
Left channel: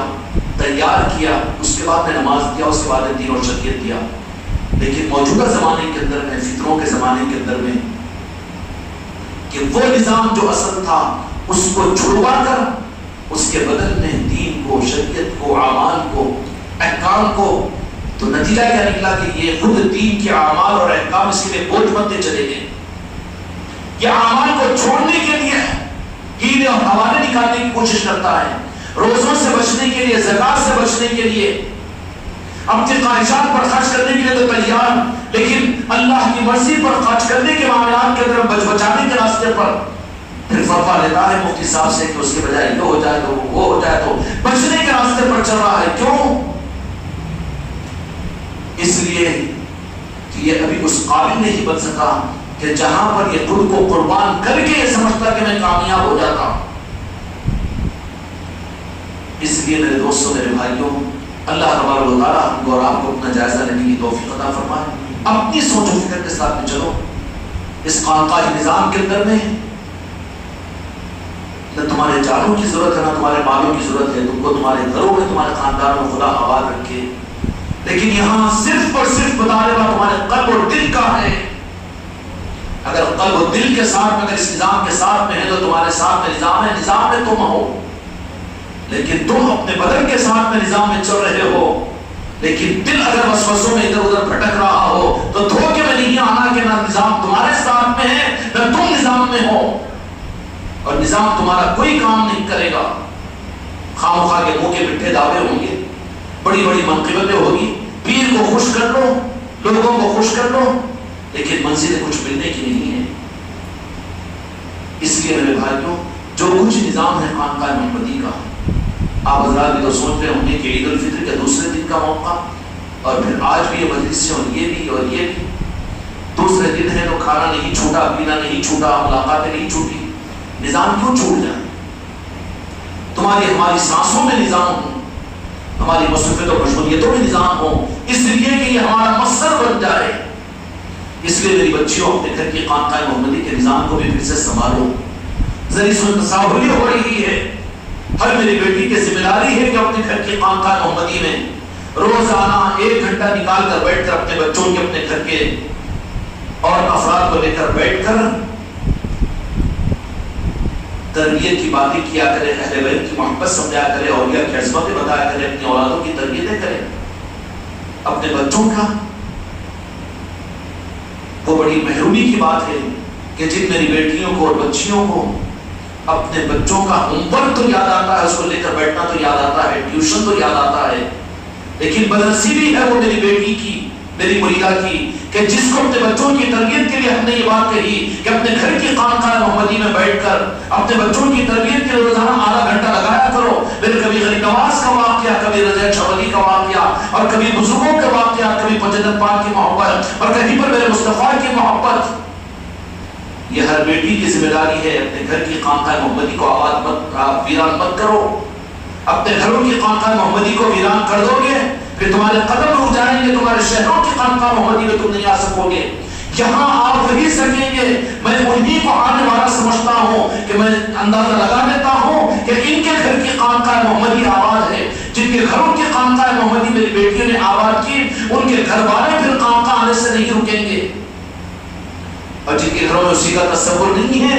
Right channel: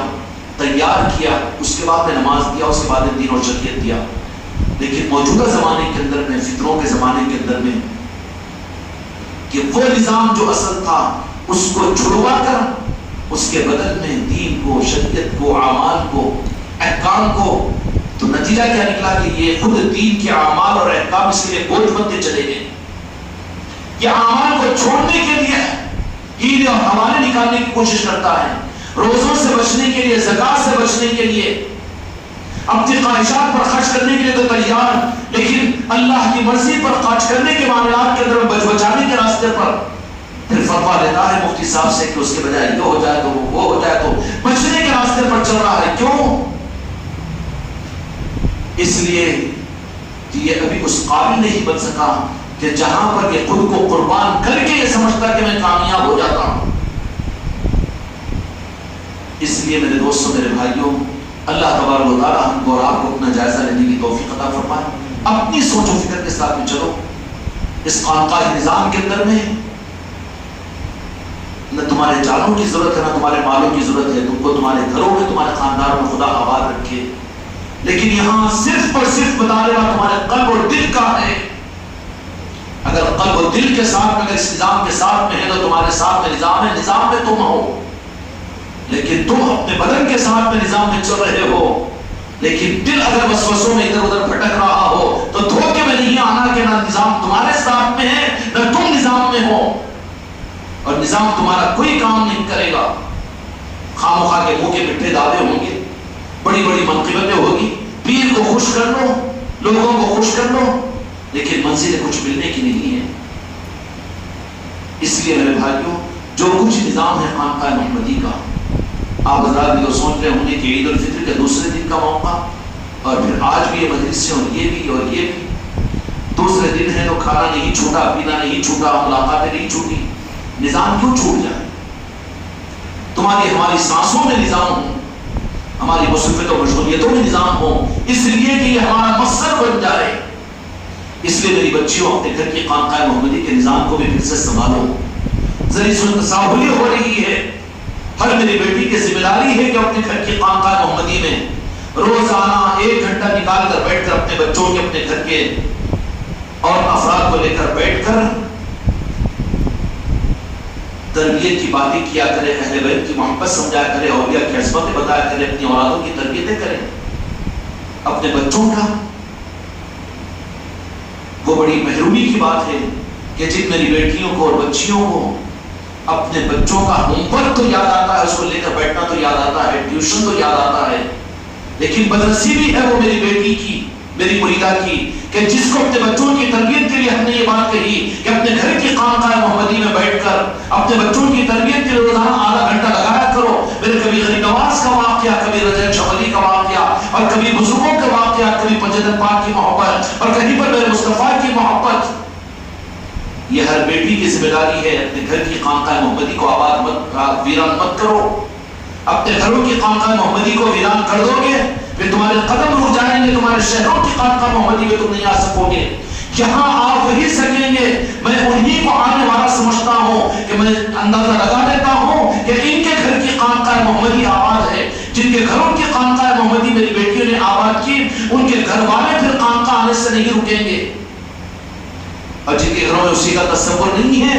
تیار کیا، اس کے بعد میں نماز دیا، اس کے بعد میں دین اور شریعت دیا. لیکن موجودہ زمانے کے اندر میں، فتنوں کے زمانے کے اندر میں، کہ وہ نظام جو اصل تھا اس کو چھڑوا کر اس کے بدل میں دین کو، شریعت کو، اعمال کو، احکام کو، تو نتیجہ کیا نکلا کہ یہ خود دین کے اعمال اور احکام اس کے لیے بوجھ بنتے چلے گئے. یہ اعمال کو چھوڑنے کے لیے ہیلے اور حوالے نکالنے کی کوشش کرتا ہے، روزوں سے بچنے کے لیے، زکات سے بچنے کے لیے، اپنی خواہشات پر خرچ کرنے کے لیے تو تیار، لیکن اللہ کی مرضی پر خرچ کرنے کے معاملات کے اندر بچانے کے راستے پر پھر فتویٰ لیتا ہے مفتی صاحب سے کہ اس کے بجائے یہ ہو جائے تو وہ ہو جائے، تو بچنے کے راستے پر چل رہا ہے. کیوں؟ اس لیے کہ یہ ابھی اس قابل نہیں بن سکا کہ جہاں پر یہ خود کو قربان کر کے یہ سمجھتا کہ میں کامیاب ہو جاتا ہوں. اس لیے میرے دوستوں، میرے بھائیوں، اللہ تبارک و تعالیٰ ہم کو اور آپ کو اپنا جائزہ لینے کی توفیق عطا فرمائے. اپنی سوچ و فکر کے ساتھ میں چلو. اس خانقاہ نظام کے اندر میں نہ تمہارے جانوں کی ضرورت ہے، نہ تمہارے مالوں کی ضرورت ہے. تم کو تمہارے گھروں میں، تمہارے خاندان میں خدا آباد رکھے، لیکن یہاں صرف اور صرف مطالبہ تمہارے قلب اور دل کا ہے. اگر قلب و دل کے ساتھ میں، اگر اس نظام کے ساتھ میں ہے تو تمہارے ساتھ میں نظام ہے، نظام میں تم ہو. لیکن تم اپنے بدن کے ساتھ میں نظام میں چل رہے ہو، لیکن دل اگر وسوسوں میں ادھر ادھر بھٹک رہا ہو تو دھوکے میں نہیں آنا کہ نہ نظام تمہارے ساتھ میں ہے نہ تم نظام میں ہو، اور نظام تمہارا کوئی کام نہیں کرے گا. خام خواہ کے منہ کے مٹھے دعوے ہوں گے، بڑی بڑی منقبتیں ہوگی، پیر کو خوش کر لو، لوگوں کو خوش کر لو، لیکن منزل کچھ ملنے کی نہیں ہے. اس لیے میرے بھائیوں، جو کچھ نظام ہے خانقاہ محمدی کا، آپ حضرات بھی تو سوچ رہے ہوں گے کہ عید الفطر کے دوسرے دن کا موقع، اور پھر آج بھی یہ مجلس سے اور یہ بھی دوسرے دن ہے تو کھانا نہیں چھوٹا، پینا نہیں چھوٹا، ملاقاتیں نہیں چھوٹی. نظام کیوں چھوٹ جائے؟ تمہاری ہماری سانسوں میں نظام ہو، ہماری مصروفیت اور مشغولیتوں میں نظام ہو، اس لیے کہ یہ ہمارا مقصد بن جائے. اس لیے میری بچیوں، اپنے گھر کی خانقاہ محمدی کے نظام کو بھی پھر سے سنبھالو. ذریعہ سن تصاولی ہو رہی ہے، ہر میری بیٹی کی ذمہ داری ہے کہ اپنے گھر کی خانقاہ محمدی میں روزانہ 1 گھنٹہ نکال کر بیٹھ کر اپنے بچوں کے، اپنے گھر کے اور افراد کو لے کر بیٹھ کر تربیت کی باتیں کیا کرے، اہل بیت کی محبت سمجھایا کرے، اولیاء کی عظمتیں بتایا کرے، اپنی اولادوں کی تربیتیں کرے. اپنے بچوں کا وہ بڑی محرومی کی بات ہے کہ جن میری بیٹیوں کو اور بچیوں کو اپنے بچوں کا ہوم ورک تو یاد آتا ہے، اس کو لے کر بیٹھنا تو یاد آتا ہے، ٹیوشن تو یاد آتا ہے، لیکن بدنصیبی ہے وہ میری بیٹی کی، میری ملیحہ کی، کہ جس کو اپنے بچوں کی تربیت کے لیے ہم نے یہ بات کہی کہ اپنے گھر کی خانقاہ محمدی میں بیٹھ کر اپنے بچوں کی تربیت کے لیے روزانہ آدھا گھنٹہ لگایا کرو. پھر کبھی غریب نواز کا واقعہ، کبھی رضا شولی کا واقعہ، اور کبھی بزرگوں کے واقعہ، کبھی جنت پاک کی محبت، اور کہیں پر میرے مصطفیٰ کی محبت. یہ ہر بیٹی کی ذمہ داری ہے. اپنے گھر کی خانقاہ محمدی کو آباد مت، ویران مت کرو. اپنے گھروں کی خانقاہ محمدی کو ویران کر دو گے پھر تمہارے قدم رک جائیں گے، تمہارے شہروں کی خانقاہ محمدی میں تم نہیں آ سکو گے. یہاں آپ وہی سکیں گے. میں انہی کو آنے والا سمجھتا ہوں کہ میں اندازہ لگا دیتا ہوں کہ ان کے گھر کی خانقاہ محمدی آباد ہے. جن کے گھروں کی خانقاہ محمدی میری بیٹیوں نے آباد کی، ان کے گھر والے پھر خانقاہ آنے سے نہیں رکیں گے. اور جن کے گھروں میں اسی کا تصور نہیں ہے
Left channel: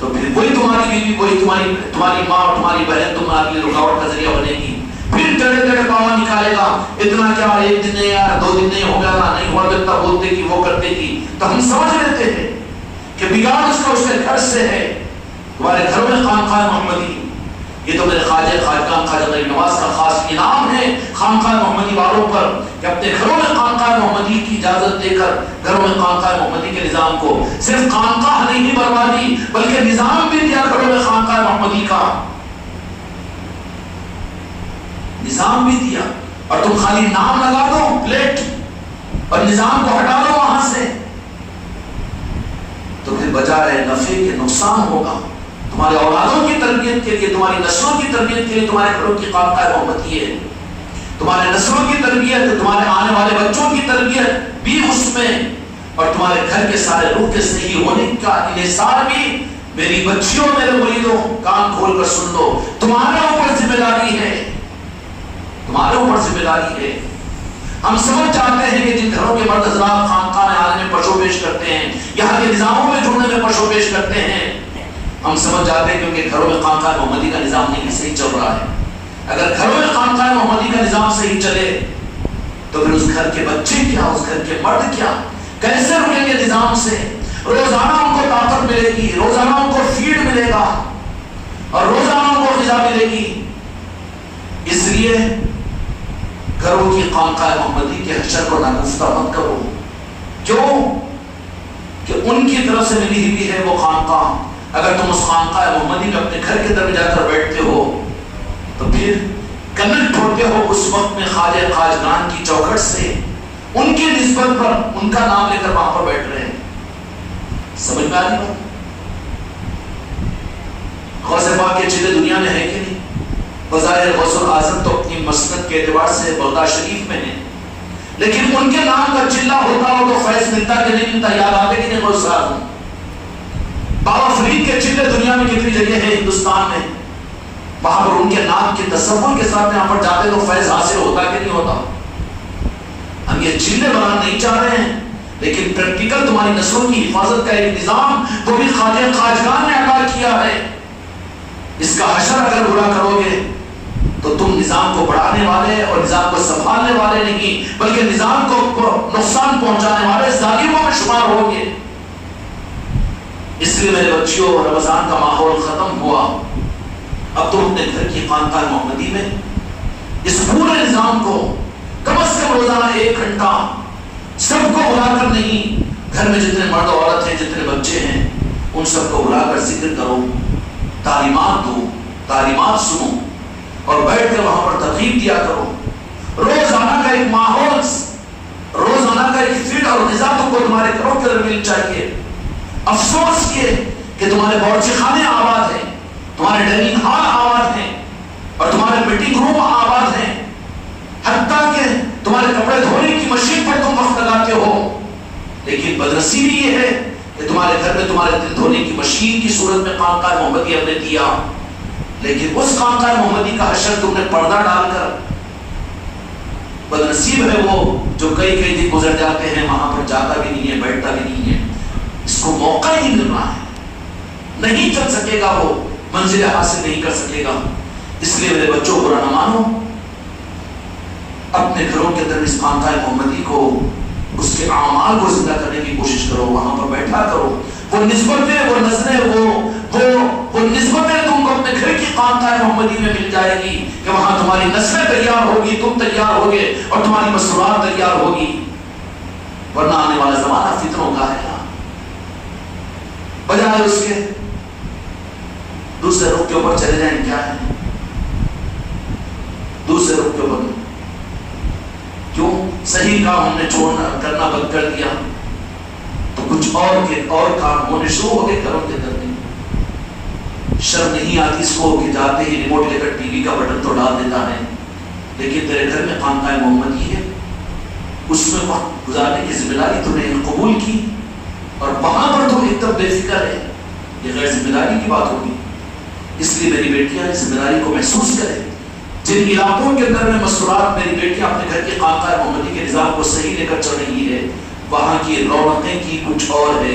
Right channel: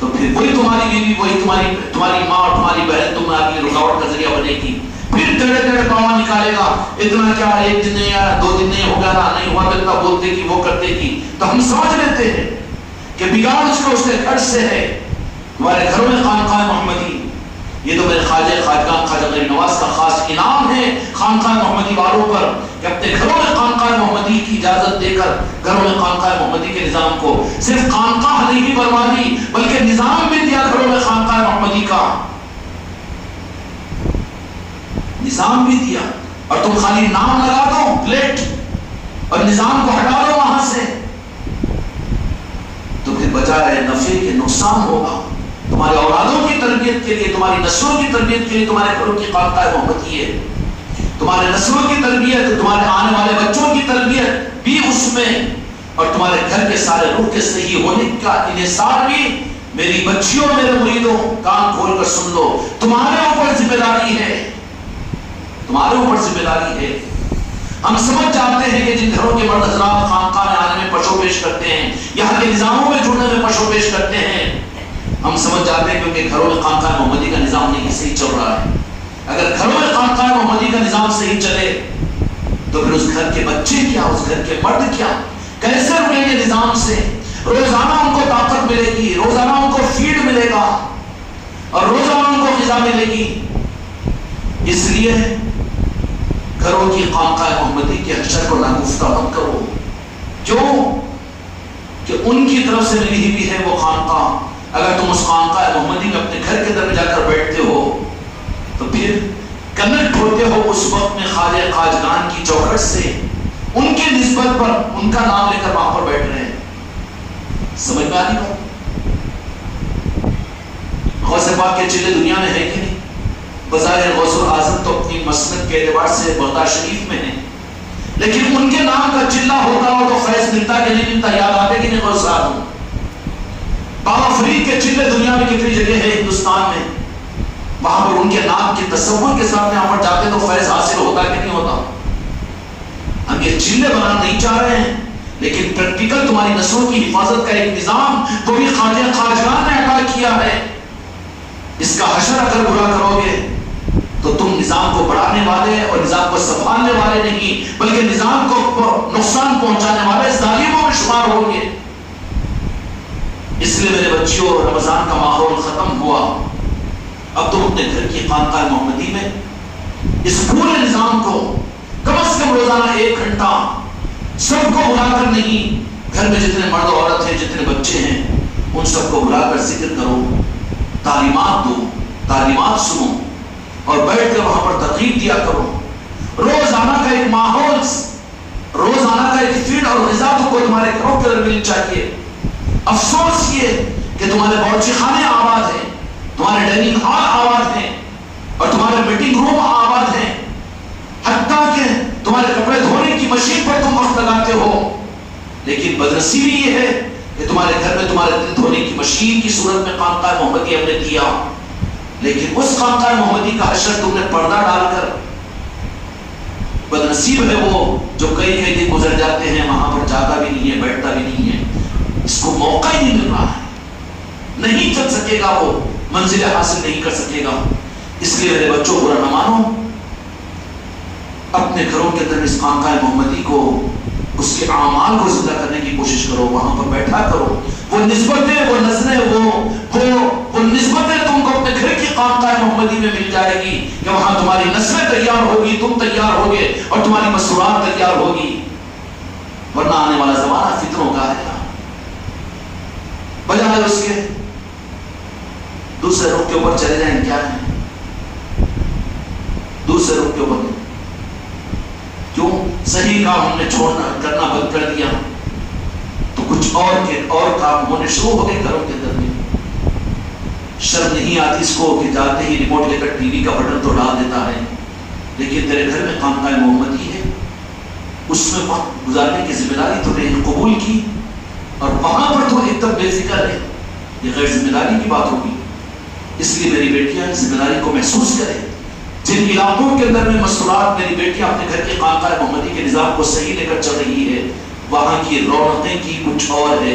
تو پھر وہی تمہاری بیوی، وہی تمہاری ماں اور تمہاری بہن تمہارے لیے رکاوٹ کا ذریعہ بنے گی. پھر ٹڑے ٹڑے پاوا نکالے گا، اتنا کیا 1 دن یا 2 دن نہیں ہو گیا نا، نہیں ہوا تو اتنا بولتے کہ وہ کرتے کی. تو ہم سمجھ لیتے ہیں کہ بگاڑ اس کے گھر سے ہے. تمہارے گھروں میں خانقاہ محمدی، یہ تو میرے خواجہ خواجگاہ خواجہ غریب نواز کا خاص انعام ہے خانقاہ محمدی والوں پر کہ اپنے گھروں میں خانقاہ محمدی کی اجازت دے کر گھروں میں خانقاہ محمدی کے نظام کو صرف خانقاہ نہیں بنوا دی بلکہ نظام بھی دیا. گھروں میں خانقاہ محمدی کا نظام بھی دیا. اور تم خالی نام لگا دو پلیٹ اور نظام کو ہٹا دو وہاں سے، تو پھر بجائے نفع کے نقصان ہوگا. تمہارے اولادوں کی تربیت کے لیے، تمہاری نسلوں کی تربیت کے لیے تمہارے گھروں کی خانقاہ محمدی ہے. تمہارے نسلوں کی تربیت، تمہارے آنے والے بچوں کی تربیت بھی اس میں، اور تمہارے گھر کے سارے روح کے صحیح ہونے کا انحصار بھی. میری بچیوں، میرے مریدوں، کان کھول کر سن لو، تمہارے اوپر ذمہ داری ہے، تمہارے اوپر ذمہ داری ہے. ہم سمجھ جاتے ہیں کہ جن گھروں کے مرد حضرات خانقاہ آنے میں پشو پیش کرتے ہیں، یہاں کے نظاموں میں جڑنے میں پشو پیش کرتے ہیں، ہم سمجھ جاتے ہیں کیونکہ گھروں میں خانقاہ محمدی کا نظام نہیں صحیح چل رہا ہے. اگر گھروں میں خانقاہ محمدی کا نظام صحیح چلے تو پھر اس گھر کے بچے کیا، اس گھر کے مرد کیا، کیسے رکیں گے نظام سے؟ روزانہ ان کو طاقت ملے گی، روزانہ ان کو فیڈ ملے گا اور روزانہ ان کو غذا ملے گی. اس لیے گھروں کی خانقاہ محمدی کے حشر کو ناگفتہ مت کرو. جو کہ ان کی طرف سے ملی ہوئی ہے وہ خانقاہ، اگر تم اس خانقاہ محمدی میں اپنے گھر کے اندر جا کر بیٹھتے ہو تو پھر کنیکٹ ہوتے ہو اس وقت میں خواجہ خواجگان کی چوکھٹ سے، ان کی نسبت پر ان کا نام لے کر وہاں پر بیٹھ رہے ہیں. سمجھ میں آ رہی بات؟ غوث پاک کے چلے دنیا میں ہے کہ نہیں؟ بظاہر غوث الاعظم تو اپنی مسند کے اعتبار سے بغداد شریف میں ہے، لیکن ان کے نام کا چلہ ہوتا ہو تو فیض ملتا کہ نہیں ملتا؟ یاد آتے کہ نہیں غوث اعظم؟ بابا فرید کے چلے دنیا میں کتنی جگہ ہے ہندوستان میں، وہاں پر ان کے نام کے تصور کے ساتھ یہاں پر جاتے تو فیض حاصل ہوتا کہ نہیں ہوتا؟ ہم یہ چلے بنانا نہیں چاہ رہے ہیں، لیکن پریکٹیکل تمہاری نسلوں کی حفاظت کا ایک نظام وہ بھی خواجہ خواجگان نے ادا کیا ہے. اس کا حشر اگر برا کرو گے تو تم نظام کو بڑھانے والے اور نظام کو سنبھالنے والے نہیں بلکہ نظام کو نقصان پہنچانے والے ظالموں میں شمار ہوگے. اس لیے میرے بچیوں، رمضان کا ماحول ختم ہوا، اب تم اپنے گھر کی خانقاہ محمدی میں اس پورے نظام کو کم از کم روزانہ 1 گھنٹہ سب کو بلا کر نہیں، گھر میں جتنے مرد عورت ہیں، جتنے بچے ہیں، ان سب کو بلا کر ذکر کرو، تعلیمات دو، تعلیمات سنو اور بیٹھ کر وہاں پر ترغیب دیا کرو. روزانہ کا ایک ماحول، روزانہ کا ایک فیڈ اور غذا کو تمہارے گھروں کے اندر ملنی چاہیے. افسوس یہ کہ تمہارے باورچی خانے آباد ہیں، تمہارے ڈائننگ ہال آباد ہیں اور تمہارے میٹنگ روم آباد ہیں، حتیٰ کہ تمہارے کپڑے دھونے کی مشین پر تم وقت لگاتے ہو. لیکن بدنصیبی یہ ہے کہ تمہارے گھر میں تمہارے دل دھونے کی مشین کی صورت میں خانقاہ محمدی ہم نے دیا، لیکن اس خانقاہ محمدی کا حشر تم نے پردہ ڈال کر، بدنصیب ہے وہ جو کئی دن گزر جاتے ہیں وہاں پر جاتا بھی نہیں ہے، بیٹھتا بھی نہیں ہے، اس کو موقع ہی نہیں مل رہا ہے، نہیں چل سکے گا، وہ منزل حاصل نہیں کر سکے گا. اس لیے میرے بچوں برا نہ مانو، اپنے گھروں کے اندر اس خانقاہ محمدی کو، اس کے اعمال کو زندہ کرنے کی کوشش کرو، وہاں پر بیٹھا کرو. وہ نسبتیں، وہ نظریں، وہ نسبتیں تم کو اپنے گھر کی خانقاہ محمدی میں مل جائے گی کہ وہاں تمہاری نسلیں تیار ہوگی، تم تیار ہوگے اور تمہاری مسئولات تیار ہوگی. ورنہ آنے والا زمانہ فتنوں کا ہے، بجائے اس کے دوسرے رخ کے اوپر چلے جائیں. کیا ہے دوسرے رخ کے اوپر؟ کیوں صحیح کام ہم نے چھوڑنا کرنا بند کر دیا تو کچھ اور کام ہونے شروع ہو گئے گھروں کے اندر میں. شرم نہیں آتی اس کو کہ جاتے ہی ریموٹ لے کر ٹی وی کا بٹن تو ڈال دیتا ہے، لیکن تیرے گھر میں خانقاہ محمدی ہے، اس میں وقت گزارنے کی ذمہ داری تو نے قبول کی اور وہاں پر تو ایک دم بے فکر ہے. یہ غیر ذمہ داری کی بات ہوگی. اس لیے میری بیٹیاں ذمہ داری کو محسوس کریں. جن علاقوں کے اندر میں مسئولات میری بیٹیاں اپنے گھر کے خانقاہ محمدی کے نظام کو صحیح لے کر چل رہی ہے، وہاں کی رونقیں کی کچھ اور ہے،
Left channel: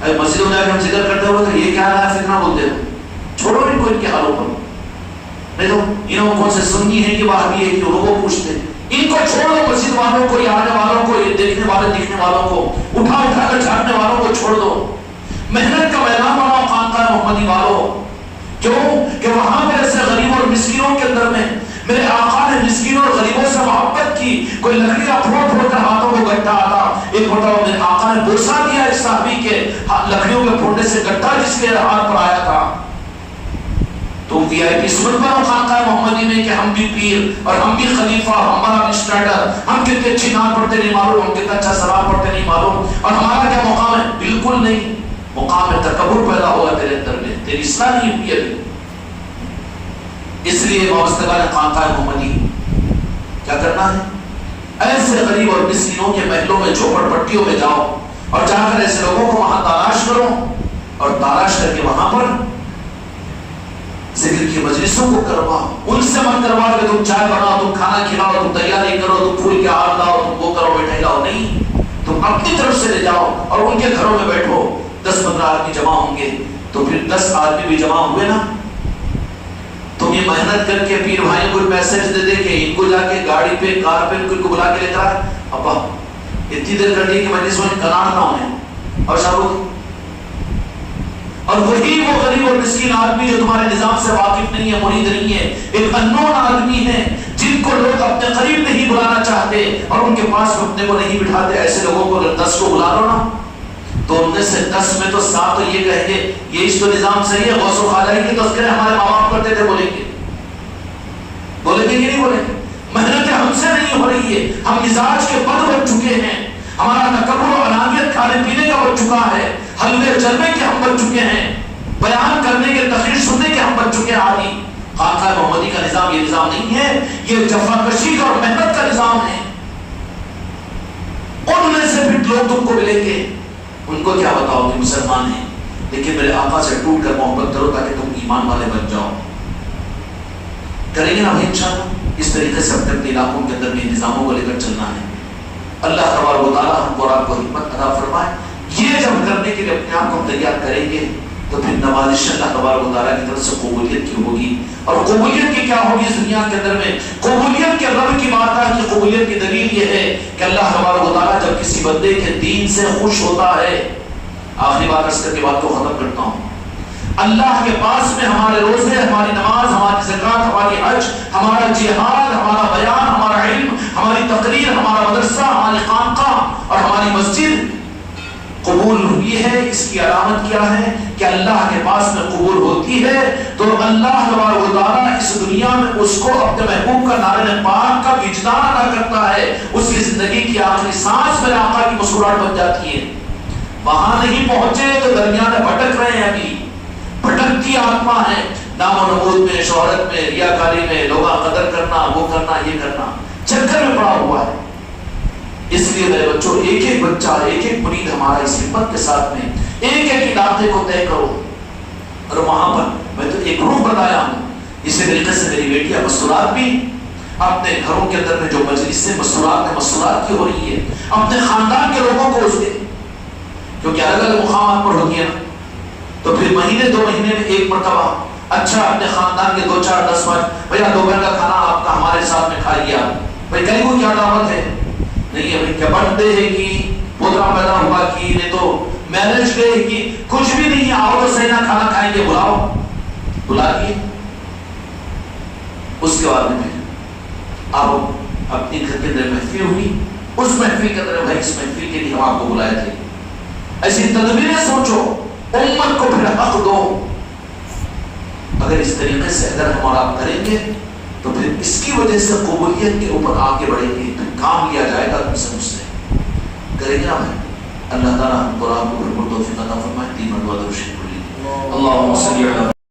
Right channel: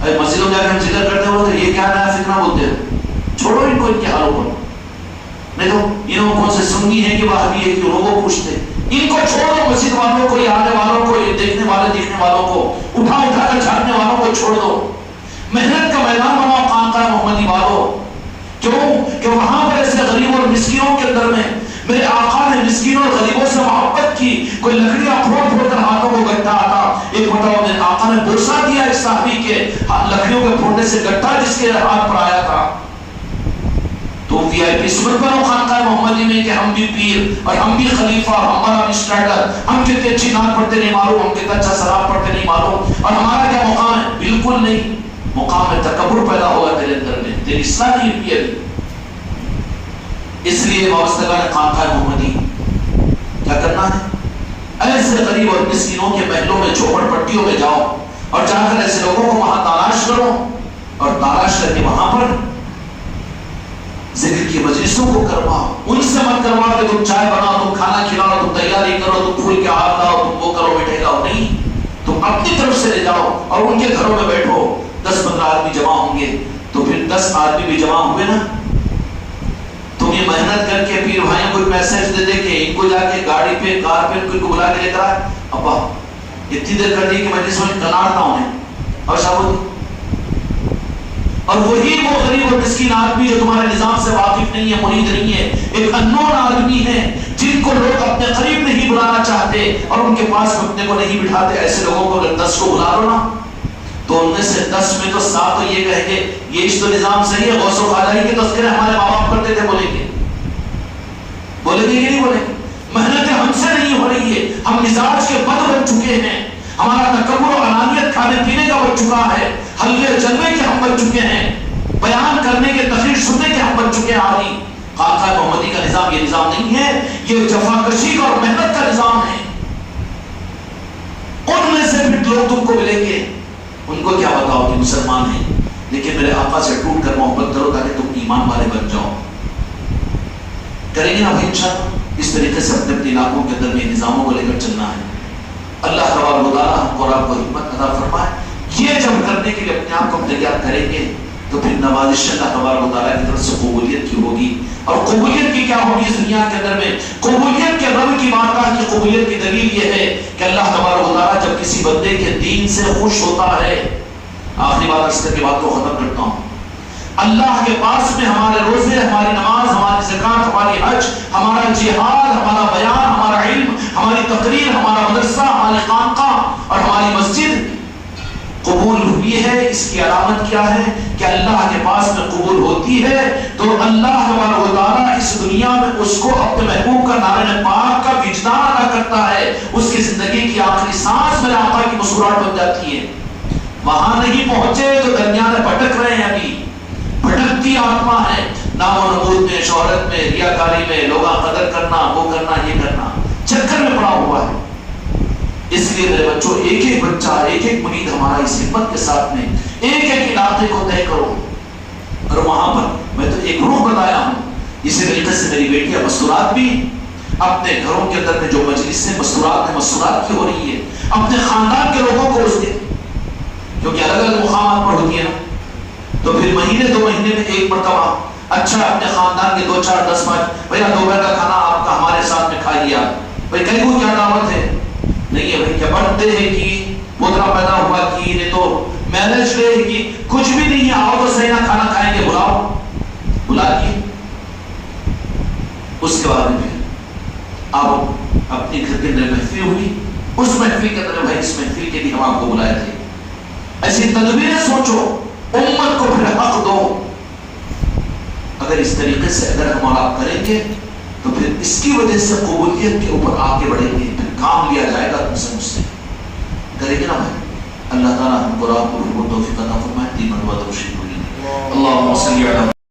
مسجدوں میں ہم ذکر کرتے ہوئے یہ کیا نیا فتنہ بولتے ہو، چھوڑو ان کو ان کے حالوں پر. نہیں تو انہوں کون سے سنی ہیں کہ وہابی ہے کہ لوگوں پوچھتے ان کو چھوڑ دو. مسجد والوں کو، یہ آنے والوں کو، یہ دیکھنے والوں کو، اٹھا کر چھاڑنے والوں کو چھوڑ دو. محنت کا میدان بناؤ خانقاہ محمدی والوں. کیوں کہ وہاں پر ایسے غریب اور مسکینوں کے اندر میں میرے آقا نے مسکینوں اور غریبوں سے محبت کی. کوئی لکڑیاں پھوڑ کر ہاتھوں میں گٹا آتا. ایک مرتبہ دن آقا نے بوسہ دیا ایک صحابی کے لکڑیوں کے پھوڑنے سے گٹا جس کے ہاتھ پر آیا تھا. تو وی آئی پی سن کرو خانقاہ محمدی میں کہ ہم بھی پیر اور ہم بھی خلیفہ اور ہمارا بھی اسٹیڈر، ہم کتنے اچھی نام پڑھتے نہیں معلوم، ہم کتنا اچھا سلام پڑھتے نہیں معلوم، اور ہمارا کیا مقام ہے. بالکل نہیں. مقام ہے تکبر پیدا ہوا تیرے اندر میں، تیری اصلاح نہیں ہوئی ابھی. اس لیے وابستگان خانقاہ محمدی کیا کرنا ہے؟ ایسے غریب اور مسکینوں کے محلوں میں، جھوپڑ پٹیوں میں جاؤ اور جا کر ایسے لوگوں کو وہاں تلاش کرو اور تلاش کر کے وہاں پر ذکر کی مجلسوں کو کرواؤ. ان سے مت کروا کہ تم چائے بناؤ، تم کھانا کھلاؤ، تم تیاری کرو، تم پھول کے ہار لاؤ، تم وہ کرو مٹھائی لاؤ. نہیں، تم اپنی طرف سے لے جاؤ اور ان کے گھروں میں بیٹھو. 10-15 آدمی جمع ہوں گے تو پھر 10 آدمی بھی جمع ہوئے نا. تم یہ محنت کر کے پیر بھائیوں کو میسج دے دے کہ ان کو جا کے گاڑی پہ، کار پہ ان کو بلا کے لے کر آئے. ابا اتنی دیر کر دی کہ مجلس میں کنار نہ ہونے اور شاہ. اور وہی وہ غریب اور مسکین آدمی جو تمہارے نظام سے واقف نہیں ہے، مرید نہیں ہے، ایک انون آدمی ہے جن کو لوگ اپنے قریب نہیں بلانا چاہتے اور ان کے پاس اپنے کو نہیں بٹھاتے. ایسے لوگوں کو اگر 10 کو بلا لو نا تو ان میں سے 10 میں تو 7 تو یہ کہیں گے یہ اس تو نظام صحیح ہے. غوث و خواجہ کی تذکرے ہمارے ماں باپ کرتے تھے، بولیں گے کہ نہیں بولیں گے. محنتیں ہم سے نہیں ہو رہی ہے، ہم مزاج کے بد بن چکے ہیں، ہمارا تکبر و انانیت کھانے پینے کا بن چکا ہے، حلوے چلنے کے ہم بن چکے ہیں، بیان کرنے کے، تقریر سننے کے ہم بن چکے ہیں عادی. خانقاہ محمدی کا نظام یہ نظام نہیں ہے، یہ جفاکشی اور محنت کا نظام ہے. ان میں سے بھی لوگ تم کو ملیں گے، ان کو کیا بتاؤ کہ مسلمان ہیں لیکن میرے آقا سے ٹوٹ کر محبت کرو تاکہ تم ایمان والے بن جاؤ. کریں گے نا بھائی انشاءاللہ. اس طریقے سے اپنے اپنے علاقوں کے اندر میں نظاموں کو لے کر چلنا ہے. اللہ تبارک و تعالیٰ ہم کو اور آپ کو حکمت عطا فرمائے. یہ جب کرنے کے لیے اپنے آپ کو تیار کریں گے تو پھر نوازش اللہ تبارک و تعالیٰ کی طرف سے قبولیت کی ہوگی. اور قبولیت کی کیا ہوگی اس دنیا کے اندر میں؟ قبولیت کے رب کی بارگاہ کی قبولیت کی دلیل یہ ہے کہ اللہ تبارک و تعالیٰ جب کسی بندے کے دین سے خوش ہوتا ہے. آخری بات عرض کر کے بات کو ختم کرتا ہوں. اللہ کے پاس میں ہمارے روزے، ہماری نماز، ہماری زکات، ہماری حج، ہمارا جہاد، ہمارا بیان، ہمارا علم، ہماری تقریر، ہمارا مدرسہ، ہماری خانقاہ اور ہماری مسجد قبول ہوئی ہے. اس کی علامت کیا ہے کہ اللہ کے پاس میں قبول ہوتی ہے تو اللہ تبارک و تعالیٰ اس دنیا میں اس کو اپنے محبوب کا نعرہ پاک کا وجدان ادا کرتا ہے. اس کی زندگی کی آخری سانس میرے آقا کی مسکراہٹ بن جاتی ہے. وہاں نہیں پہنچے تو درمیان میں بھٹک رہے ہیں، ابھی بھٹکتی آتما ہے. نام و نمود میں، شہرت میں، ریاکاری میں، لوگاں قدر کرنا، وہ کرنا، یہ کرنا، چکر میں پڑا ہوا ہے. اس لیے میرے بچوں ایک ایک بچہ، ایک ایک مرید ہمارا اس ہمت کے ساتھ میں ایک ایک علاقے کو طے کرو. اور وہاں پر میں تو ایک گروپ بنایا ہوں. اسی طریقے سے میری بیٹیاں مسورات بھی اپنے گھروں کے اندر میں جو مجلس سے مسورات کی ہو رہی ہے اپنے خاندان کے لوگوں کو اس دیں، کیونکہ الگ الگ مقامات پر ہوتی ہے نا. تو پھر مہینے 2 مہینے میں ایک مرتبہ اچھا اپنے خاندان کے 2 4 10 5 بھیا دوپہر کا کھانا آپ کا ہمارے ساتھ میں کھائیے. آپ بھائی کہیں کو کیا دعوت ہے نہیں ہے، بھائی کیا برتھ ڈے ہے کہ پوترا پیدا ہوا کی، نہیں تو میرج ڈے ہے کہ کچھ بھی نہیں ہے، آؤ تو صحیح نہ کھانا کھائیں گے، بلا دیے. اس کے بعد میں آپ اپنے گھر کے اندر محفل ہوئی، اس محفل کے اندر بھائی اس محفل کے لیے ہم آپ کو بلائے تھے. ایسی تدبیریں سوچو، امت کو پھر حق دو. اگر اس طریقے سے اگر ہم اور آپ کریں گے تو پھر اس کی وجہ سے قبولیت کے اوپر آگے بڑھیں گے، پھر کام لیا جائے گا تم سے مجھ سے. کریں گے نا بھائی. اللہ تعالیٰ ہم کو توفیق عطا فرمائے. 3 مرتبہ درود